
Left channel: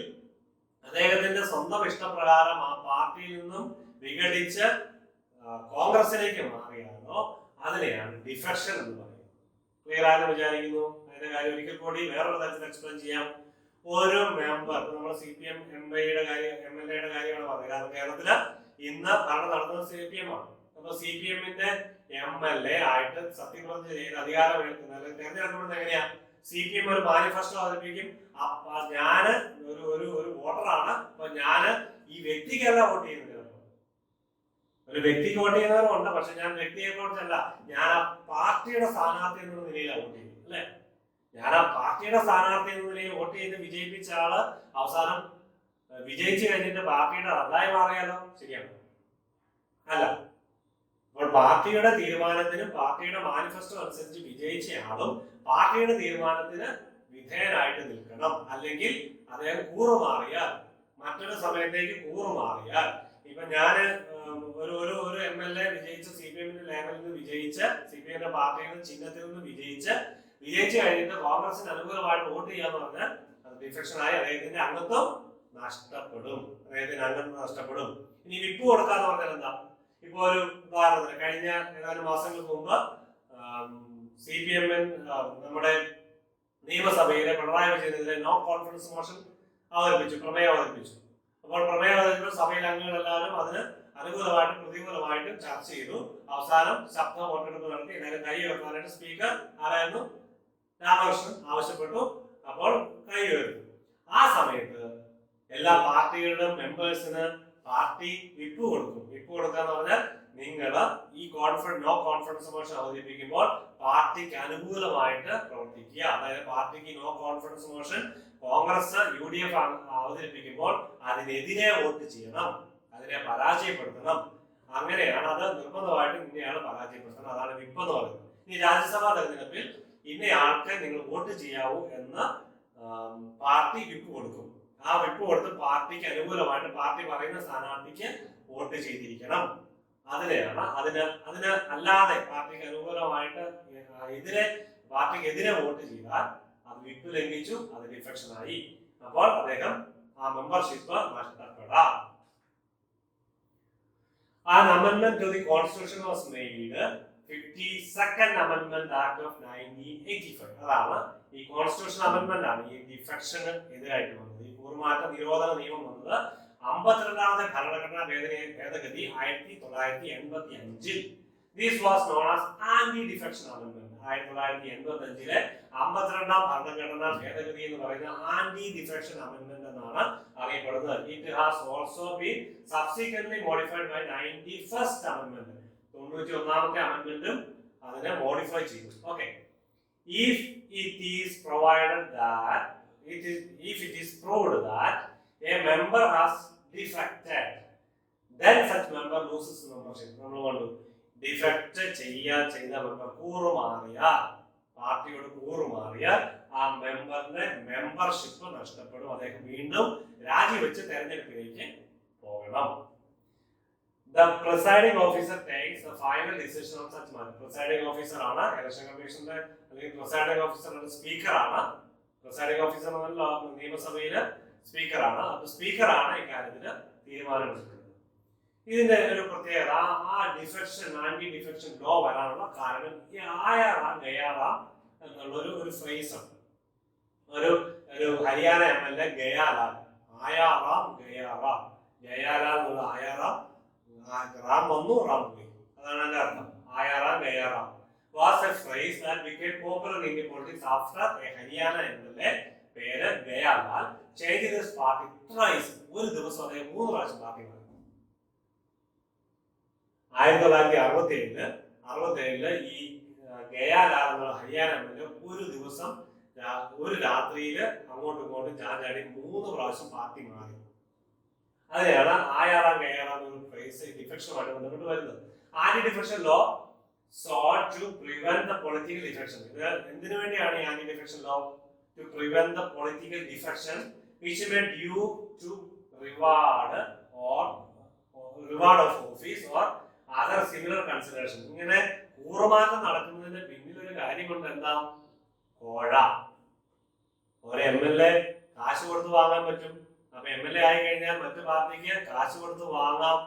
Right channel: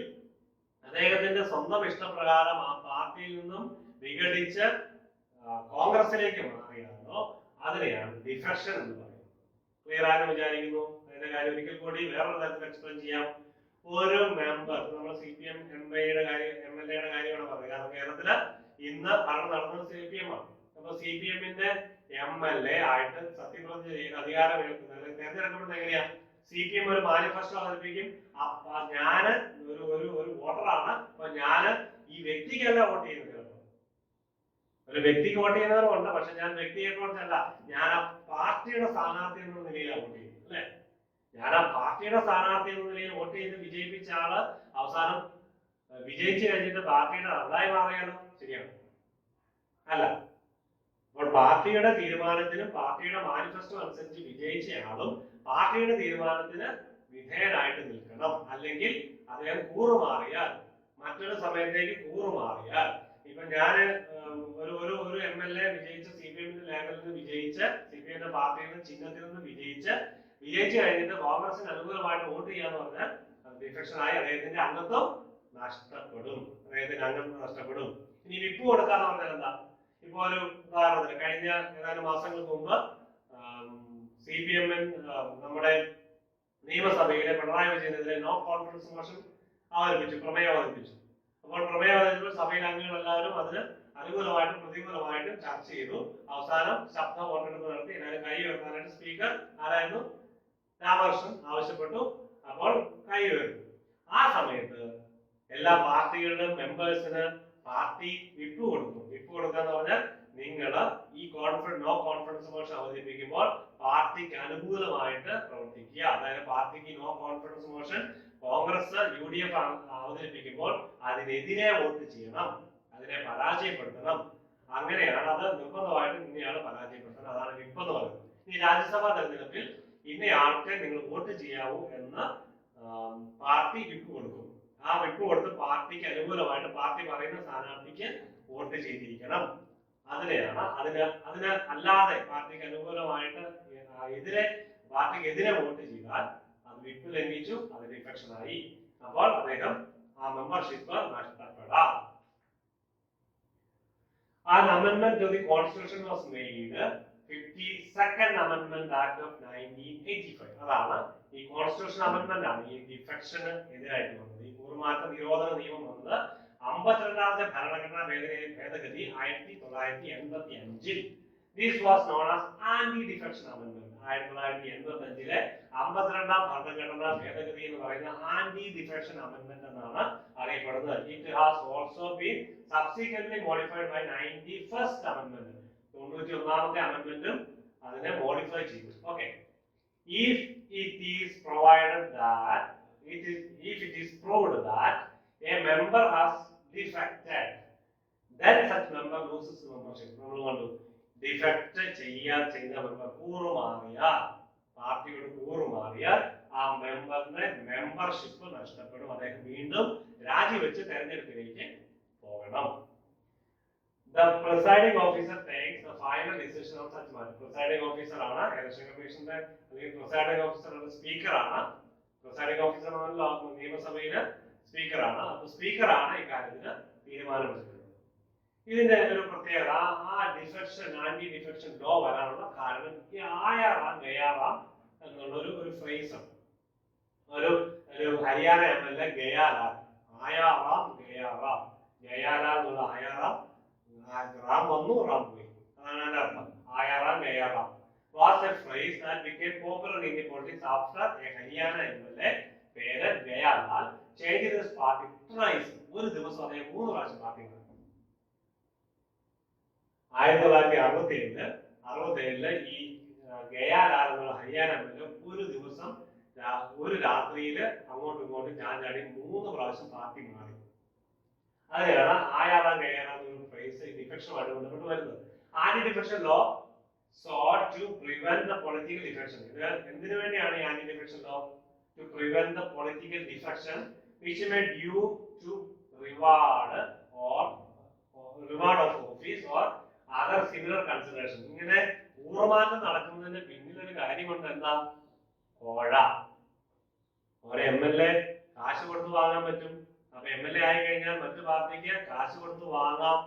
അദ്ദേഹത്തിന്റെ സ്വന്തം ഇഷ്ടപ്രകാരം ആ പാർട്ടിയിൽ നിന്നും വിഘടിച്ച് കോൺഗ്രസിലേക്ക് മാറിയാലോ, അതിനെയാണ് ഡിഫെക്ഷൻ എന്ന് പറയുന്നത്. ക്ലിയർ ആണെന്ന് വിചാരിക്കുന്നു. അതിന്റെ കാര്യം ഒരിക്കൽ കൂടി വേറൊരു തരത്തിൽ എക്സ്പ്ലെയിൻ ചെയ്യാം. ഒരു മെമ്പർ, നമ്മൾ CPM MLAയുടെ കാര്യമാണ് പറയുന്നത്. കാരണം കേരളത്തില് ഇന്ന് ഭരണം നടന്നത് CPM ആണ്. അപ്പൊ CPM-ന്റെ MLA ആയിട്ട് സത്യപ്രതിജ്ഞ ചെയ്ത് അധികാരമേൽക്കുന്ന അല്ലെങ്കിൽ തെരഞ്ഞെടുക്കപ്പെടുന്നത് എങ്ങനെയാ? CPM ഒരു മാനിഫെസ്റ്റോ അവതരിപ്പിക്കും. ഞാന് ഒരു വോട്ടറാണ്, അപ്പൊ ഞാന് ഈ വ്യക്തിക്കല്ല വോട്ട് ചെയ്യുന്നത്. ഒരു വ്യക്തിക്ക് വോട്ട് ചെയ്യുന്നവരുണ്ട്, പക്ഷെ ഞാൻ വ്യക്തിയെ കുറിച്ചല്ല, ഞാൻ ആ പാർട്ടിയുടെ സ്ഥാനാർത്ഥി എന്ന നിലയിലാണ് വോട്ട് ചെയ്യുന്നത്, അല്ലെ? ഞാൻ ആ പാർട്ടിയുടെ സ്ഥാനാർത്ഥി എന്ന നിലയിൽ വോട്ട് ചെയ്ത് വിജയിപ്പിച്ച ആള് അവസാനം വിജയിച്ചു കഴിഞ്ഞിട്ട് പാർട്ടിയുടെ റദ്ദായി മാറിയാലോ? ശരിയാണ് അല്ല. അപ്പോൾ പാർട്ടിയുടെ തീരുമാനത്തിനും പാർട്ടിയുടെ മാനിഫെസ്റ്റോ അനുസരിച്ച് വിജയിച്ചയാളും പാർട്ടിയുടെ തീരുമാനത്തിന് വിധേയനായിട്ട് നിൽക്കണം. അല്ലെങ്കിൽ അദ്ദേഹം കൂറുമാറിയാൽ, മറ്റൊരു സമയത്തേക്ക് കൂറുമാറിയാൽ, ഇപ്പൊ ഞാന് ഒരു MLA വിജയിച്ച CPM-ന്റെ ലേബലിൽ നിന്ന് വിജയിച്ച്, CPM-ന്റെ പാർട്ടിയുടെ ചിഹ്നത്തിൽ നിന്ന് വിജയിച്ചു കഴിഞ്ഞിട്ട് കോൺഗ്രസിന് അനുകൂലമായിട്ട് വോട്ട് ചെയ്യാന്ന് പറഞ്ഞാൽ അത് ഡിഫെക്ഷനായി അദ്ദേഹത്തിന്റെ അംഗത്വം നഷ്ടപ്പെടും. ഇനി വിപ്പ് കൊടുക്കാന്ന് പറഞ്ഞാൽ എന്താ? ഇപ്പൊ ഒരു ഉദാഹരണത്തിന് കഴിഞ്ഞ ഏതാനും മാസങ്ങൾക്ക് മുമ്പ് CPM നമ്മുടെ നിയമസഭയിലെ പിണറായി വിജയനെതിരെ നോ കോൺഫിഡൻസ് മോഷൻ പ്രമേയം അവതരിപ്പിച്ചു. അപ്പോൾ പ്രമേയം അവതരിപ്പിച്ച സഭയിലെ അംഗങ്ങളെല്ലാവരും അതിന് അനുകൂലമായിട്ടും പ്രതികൂലമായിട്ടും ചർച്ച ചെയ്തു. അവസാനം ശബ്ദ വോട്ടെടുപ്പ് നടത്തി എല്ലാവരും കൈ ഉയർത്താനായിട്ട് സ്പീക്കർ ആരായിരുന്നു? രാമകൃഷ്ണൻ ആവശ്യപ്പെട്ടു. അപ്പോൾ കൈ ഉയർത്തി. ആ സമയത്ത് എല്ലാ പാർട്ടികളുടെയും മെമ്പേഴ്സിന് പാർട്ടി വിപ്പ് കൊടുക്കും. വിപ്പ് കൊടുക്കുക എന്ന് പറഞ്ഞാൽ നിങ്ങൾ ഈ നോ കോൺഫിഡൻസ് മോഷൻ അവതരിപ്പിക്കുമ്പോൾ പാർട്ടിക്ക് അനുകൂലമായിട്ട് പ്രവർത്തിക്കുക. അതായത് പാർട്ടിക്ക് no confidence motion Congress UDF അവതരിപ്പിക്കുമ്പോൾ അതിനെതിരെ വോട്ട് ചെയ്യണം, അതിനെ പരാജയപ്പെടുത്തണം. അങ്ങനെയാണ് അത് നിർബന്ധമായിട്ടും ഇന്നയാള് പരാജയപ്പെടുത്തണം. അതാണ് വിപ്പ് എന്ന് പറയുന്നത്. ഈ രാജ്യസഭാ തെരഞ്ഞെടുപ്പിൽ ഇന്നയാൾക്ക് നിങ്ങൾ വോട്ട് ചെയ്യാവൂ എന്ന് പാർട്ടി വിപ്പ് കൊടുക്കും. ആ വിപ്പ് കൊടുത്ത് പാർട്ടിക്ക് അനുകൂലമായിട്ട് പാർട്ടി പറയുന്ന സ്ഥാനാർത്ഥിക്ക് വോട്ട് ചെയ്തിരിക്കണം. അതിനെയാണ് അതിന് അല്ലാതെ പാർട്ടിക്ക് അനുകൂലമായിട്ട് പാർട്ടിക്കെതിരെ വോട്ട് ചെയ്താൽ അത് വിപ്പ് ലംഘിച്ചു, അത് ഡിഫെക്ഷനായി. അപ്പോൾ അദ്ദേഹം ആ മെമ്പർഷിപ്പ് നഷ്ടപ്പെടാം. An amendment to the Constitution was made, 52nd Amendment Act of 1985. അതാണ് ഈ കോൺസ്റ്റിറ്റ്യൂഷൻ അമെന്റ്മെന്റ് ആണ് ഈ ഡിഫെക്ഷന് എതിരായിട്ട് വന്നത്. ഈ കൂറുമാറ്റ നിരോധന നിയമം വന്നത് 52ാമത്തെ ഭരണഘടനാ ഭേദഗതി 1985. This was known as anti-defection amendment. 1985-ലെ 52ാം ഭരണഘടനാ ഭേദഗതി എന്ന് പറയുന്ന ആന്റി ഡിഫെക്ഷൻ അമെന്റ്മെന്റ് എന്നാണ് അറിയപ്പെടുന്നത്. It has also been subsequently modified by 91st amendment. 91ാമത്തെ അമെന്റ്മെന്റും അതിനെ മോഡിഫൈ ചെയ്തു. Okay. If it is proved that a member has defected, then such member loses membership. നമ്മൾ കണ്ടു, ഡിഫെക്ട് ചെയ്ത മെമ്പർ കൂറുമാറിയാൽ, പാർട്ടിയോട് കൂറുമാറിയാൽ ആ മെമ്പറിന്റെ മെമ്പർഷിപ്പ് നഷ്ടപ്പെടും. അദ്ദേഹം വീണ്ടും രാജിവെച്ച് തെരഞ്ഞെടുപ്പിലേക്ക് പോകണം. The presiding officer takes the final decision on such matter. Presiding officer ആണ് ഇലക്ഷൻ കമ്മീഷന്റെ, അല്ലെങ്കിൽ presiding officer സ്പീക്കർ ആണ്. presiding officer നിയമസഭയിലെ സ്പീക്കർ ആണ്. അപ്പൊ സ്പീക്കർ ആണ് ഇക്കാര്യത്തിന് തീരുമാനമെടുക്കുന്നത്. ഇതിന്റെ ഒരു പ്രത്യേകത, ആ ഡിഫെക്ഷൻ, ആന്റി ഡിഫെക്ഷൻ ലോ വരാനുള്ള കാരണം ഈ ആയാറാം ഗയാറാം എന്നുള്ള ഒരു ഫ്രേസ് ആണ്. ഒരു ഹരിയാന MLA ഗയാലാൽ, ആയാറാം ഗയാറാം, ഗയാലാൽ എന്നുള്ള ആയാറാം, റാം വന്നു റാം പോയി, അതാണ് അതിന്റെ അർത്ഥം. ആയാറാം Gaya Ram was a phrase that became popular in Indian politics after a Haryana MLA പേര് ഗയാലാൽ changed his party thrice. ഒരു ദിവസം അദ്ദേഹം 3 പ്രാവശ്യം പാർട്ടി മാറി. 1967 ഈ ഗയാലാൽ എന്നുള്ള ഹരിയാന MLA ഒരു ദിവസം ഒരു രാത്രിയില് അങ്ങോട്ടും ഇങ്ങോട്ടും ചാഞ്ചാടി 3 പ്രാവശ്യം പാർട്ടി മാറി. അതെയാണ് ആയാറാം ഗയാറാം എന്നൊരു ഫ്രേസ് ഡിഫെക്ഷനുമായിട്ട് ബന്ധപ്പെട്ട് വരുന്നത്. Anti defection law sought to prevent the political defection. എന്തിനു വേണ്ടിയാണ് ഈ anti defection law? To prevent the political defection which may due to reward of office or other similar consideration. ഇങ്ങനെ കൂറുമാറ്റം നടക്കുന്നതിന്റെ പിന്നിലൊരു കാര്യമുണ്ട്. എന്താ? കോഴ. ഒരു MLA കാശ് കൊടുത്ത് വാങ്ങാൻ പറ്റും. അപ്പൊ MLA ആയി കഴിഞ്ഞാൽ മറ്റു പാർട്ടിക്ക് കാശ് കൊടുത്ത് വാങ്ങാം.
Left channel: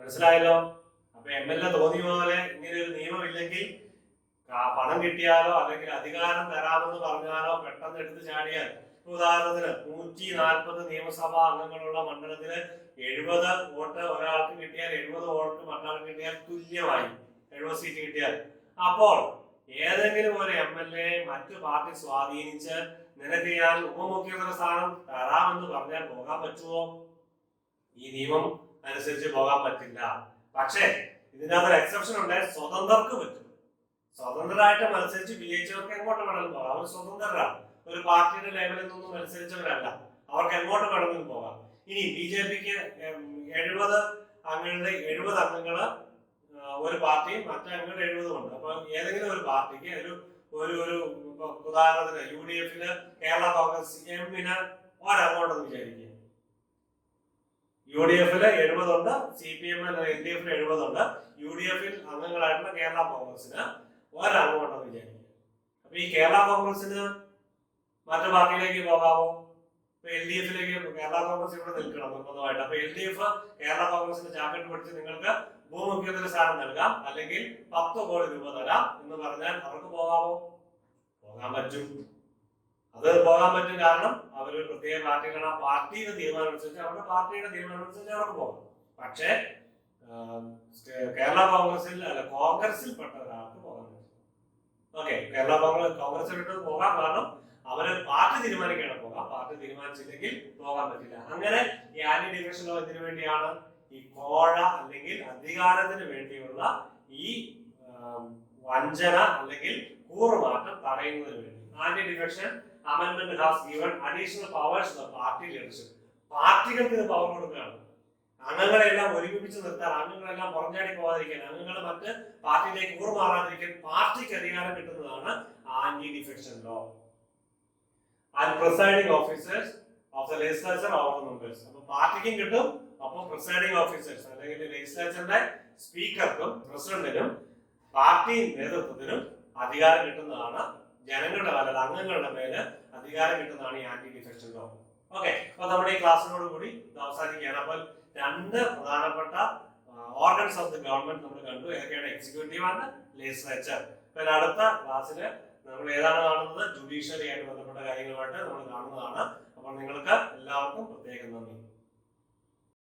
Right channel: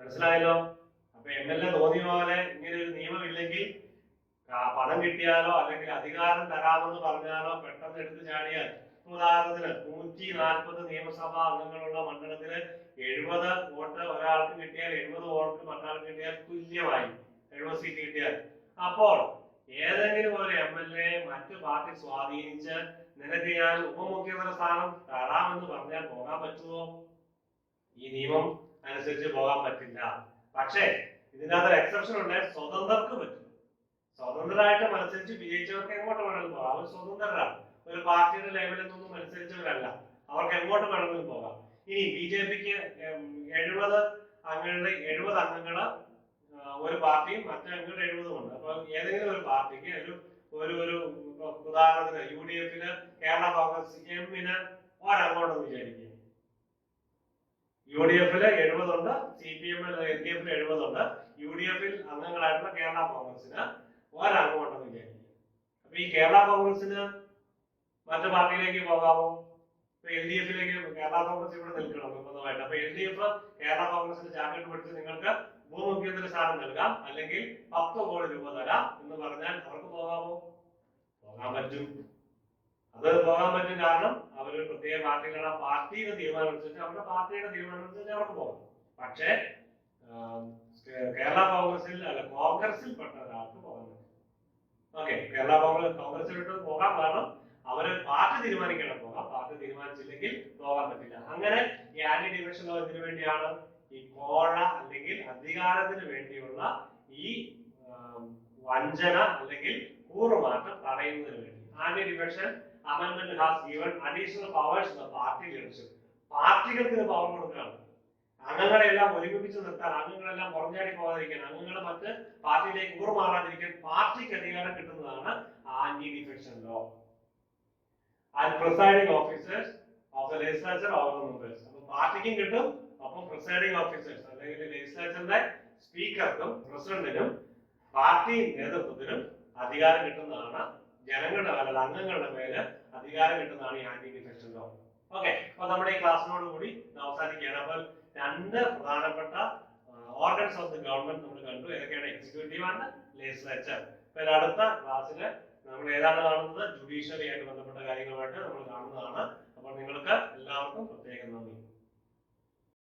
മനസ്സിലായല്ലോ? അപ്പൊ MLA തോന്നിയ പോലെ ഇങ്ങനെ ഒരു നിയമമില്ലെങ്കിൽ പണം കിട്ടിയാലോ അല്ലെങ്കിൽ അധികാരം തരാമെന്ന് പറഞ്ഞാലോ പെട്ടെന്ന് എടുത്തു ചാടിയാൽ, ഉദാഹരണത്തിന് 140 നിയമസഭാ അംഗങ്ങളുള്ള മണ്ഡലത്തില് 70 വോട്ട് ഒരാൾക്ക് കിട്ടിയാൽ 70 വോട്ട് മറ്റൊരാൾക്ക് കിട്ടിയാൽ തുല്യമായി 70 സീറ്റ് കിട്ടിയാൽ, അപ്പോൾ ഏതെങ്കിലും ഒരു MLA മറ്റു പാർട്ടി സ്വാധീനിച്ച് നിനക്ക് ഞാൻ ഉപമുഖ്യമന്ത്രി സ്ഥാനം തരാമെന്ന് പറഞ്ഞാൽ പോകാൻ പറ്റുമോ? ഈ നിയമം അനുസരിച്ച് പോകാൻ പറ്റില്ല. പക്ഷേ ഇതിനകത്തൊരു എക്സെപ്ഷൻ ഉണ്ട്, സ്വതന്ത്രർക്ക് പറ്റും. സ്വതന്ത്രരായിട്ട് മത്സരിച്ച് വിജയിച്ചവർക്ക് എങ്ങോട്ട് വേണമെങ്കിലും പോകാം. അവർ സ്വതന്ത്രരാണ്, ഒരു പാർട്ടിയുടെ ലെവലിൽ നിന്നും മത്സരിച്ചവരല്ല, അവർക്ക് എങ്ങോട്ട് വേണമെങ്കിലും പോകാം. ഇനി BJPക്ക് 70 അംഗങ്ങളുടെ 70 അംഗങ്ങള് ഒരു പാർട്ടിയും മറ്റു അംഗങ്ങളുടെ 70 ഉണ്ട്. അപ്പൊ ഏതെങ്കിലും ഒരു പാർട്ടിക്ക് ഒരു ഉദാഹരണത്തിന് UDFല് കേരള കോൺഗ്രസ് എമ്മിന് ഒരങ്ങോട്ടെന്ന് വിചാരിക്കുക. UDFല് 70 ഉണ്ട്, CPM LDFല് 70 ഉണ്ട്, UDFൽ അംഗങ്ങളായിട്ടുള്ള കേരള കോൺഗ്രസിന് ഒരങ്ങോട്ടെന്ന് വിചാരിക്കുക. അപ്പൊ ഈ കേരള കോൺഗ്രസിന് മറ്റു പാർട്ടിയിലേക്ക് പോകാമോ? ഇപ്പൊ LDFലേക്ക് കേരള കോൺഗ്രസ് ഇവിടെ നിൽക്കണം നിർബന്ധമായിട്ട്. അപ്പൊ LDF കേരള കോൺഗ്രസിന് ചാക്കിട്ട് പിടിച്ച് നിങ്ങൾക്ക് ഉപമുഖ്യമന്ത്രി സ്ഥാനം നൽകാം, അല്ലെങ്കിൽ 10 കോടി രൂപ തരാം എന്ന് പറഞ്ഞാൽ അവർക്ക് പോകാമോ? പോകാൻ പറ്റും. അത് പോകാൻ പറ്റും, കാരണം അവരൊരു പ്രത്യേക പാർട്ടിയിലാണ്. ആ പാർട്ടിയുടെ തീരുമാനം അനുസരിച്ച് അവരുടെ പാർട്ടിയുടെ തീരുമാനം അനുസരിച്ച് അവർക്ക് പോകാം. പക്ഷേ കേരള കോൺഗ്രസിൽ അല്ല കോൺഗ്രസിൽ പെട്ട ഒരാൾക്ക് പോകാൻ പറ്റും. ഓക്കെ, കേരള കോൺഗ്രസിൽ വിട്ട് പോകാം, കാരണം അവര് പാർട്ടി തീരുമാനിക്കണം പോകാം, പാർട്ടി തീരുമാനിച്ചില്ലെങ്കിൽ പോകാൻ പറ്റില്ല. അങ്ങനെ ഈ ആന്റി ഡിഫെക്ഷൻ ലോ എന്തിനു വേണ്ടിയാണ്? ഈ കോഴ അല്ലെങ്കിൽ അധികാരത്തിന് വേണ്ടിയുള്ള ഈ വഞ്ചന അല്ലെങ്കിൽ കൂറുമാറ്റം തടയുന്നതിന് വേണ്ടി anti defection amendment has given additional powers to the party leadership. പാർട്ടികൾക്ക് ഇത് പവർ കൊടുക്കുകയാണ്. അംഗങ്ങളെല്ലാം ഒരുമിപ്പിച്ച് നിർത്താൻ, അംഗങ്ങളെല്ലാം പുറഞ്ഞാടി പോകാതിരിക്കാൻ, അംഗങ്ങളെ മറ്റ് പാർട്ടിയിലേക്ക് കൂറുമാറാതിരിക്കാൻ പാർട്ടിക്ക് അധികാരം കിട്ടുന്നതാണ് anti defection law. And presiding officers of the legislature over the members. അപ്പൊ പാർട്ടിക്കും കിട്ടും, അപ്പം പ്രിസൈഡിംഗ് ഓഫീസേഴ്സ് അല്ലെങ്കിൽ ലെജിസ്ലേച്ചറിന്റെ സ്പീക്കർക്കും പ്രസിഡന്റിനും പാർട്ടി നേതൃത്വത്തിനും അധികാരം കിട്ടുന്നതാണ്. ജനങ്ങളുടെ മേലെ അംഗങ്ങളുടെ മേലെ അധികാരം കിട്ടുന്നതാണ് ഈ ആന്റി ഡിഫെക്ഷൻ ലോ. ഓക്കെ, അപ്പൊ നമ്മുടെ ഈ ക്ലാസ്സിനോട് കൂടി അവസാനിക്കുകയാണ്. അപ്പോൾ 2 പ്രധാനപ്പെട്ട ഓർഗൻസ് ഓഫ് ദി ഗവൺമെന്റ് നമ്മൾ കണ്ടു. ഏതൊക്കെയാണ്? Executive and legislature. പിന്നെ അടുത്ത ക്ലാസ്സില് നമ്മൾ ഏതാണ് കാണുന്നത്? ജുഡീഷ്യറി ആയിട്ട് ബന്ധപ്പെട്ട കാര്യങ്ങളുമായിട്ട് നമ്മൾ കാണുന്നതാണ്. അപ്പോൾ നിങ്ങൾക്ക് എല്ലാവർക്കും പ്രത്യേക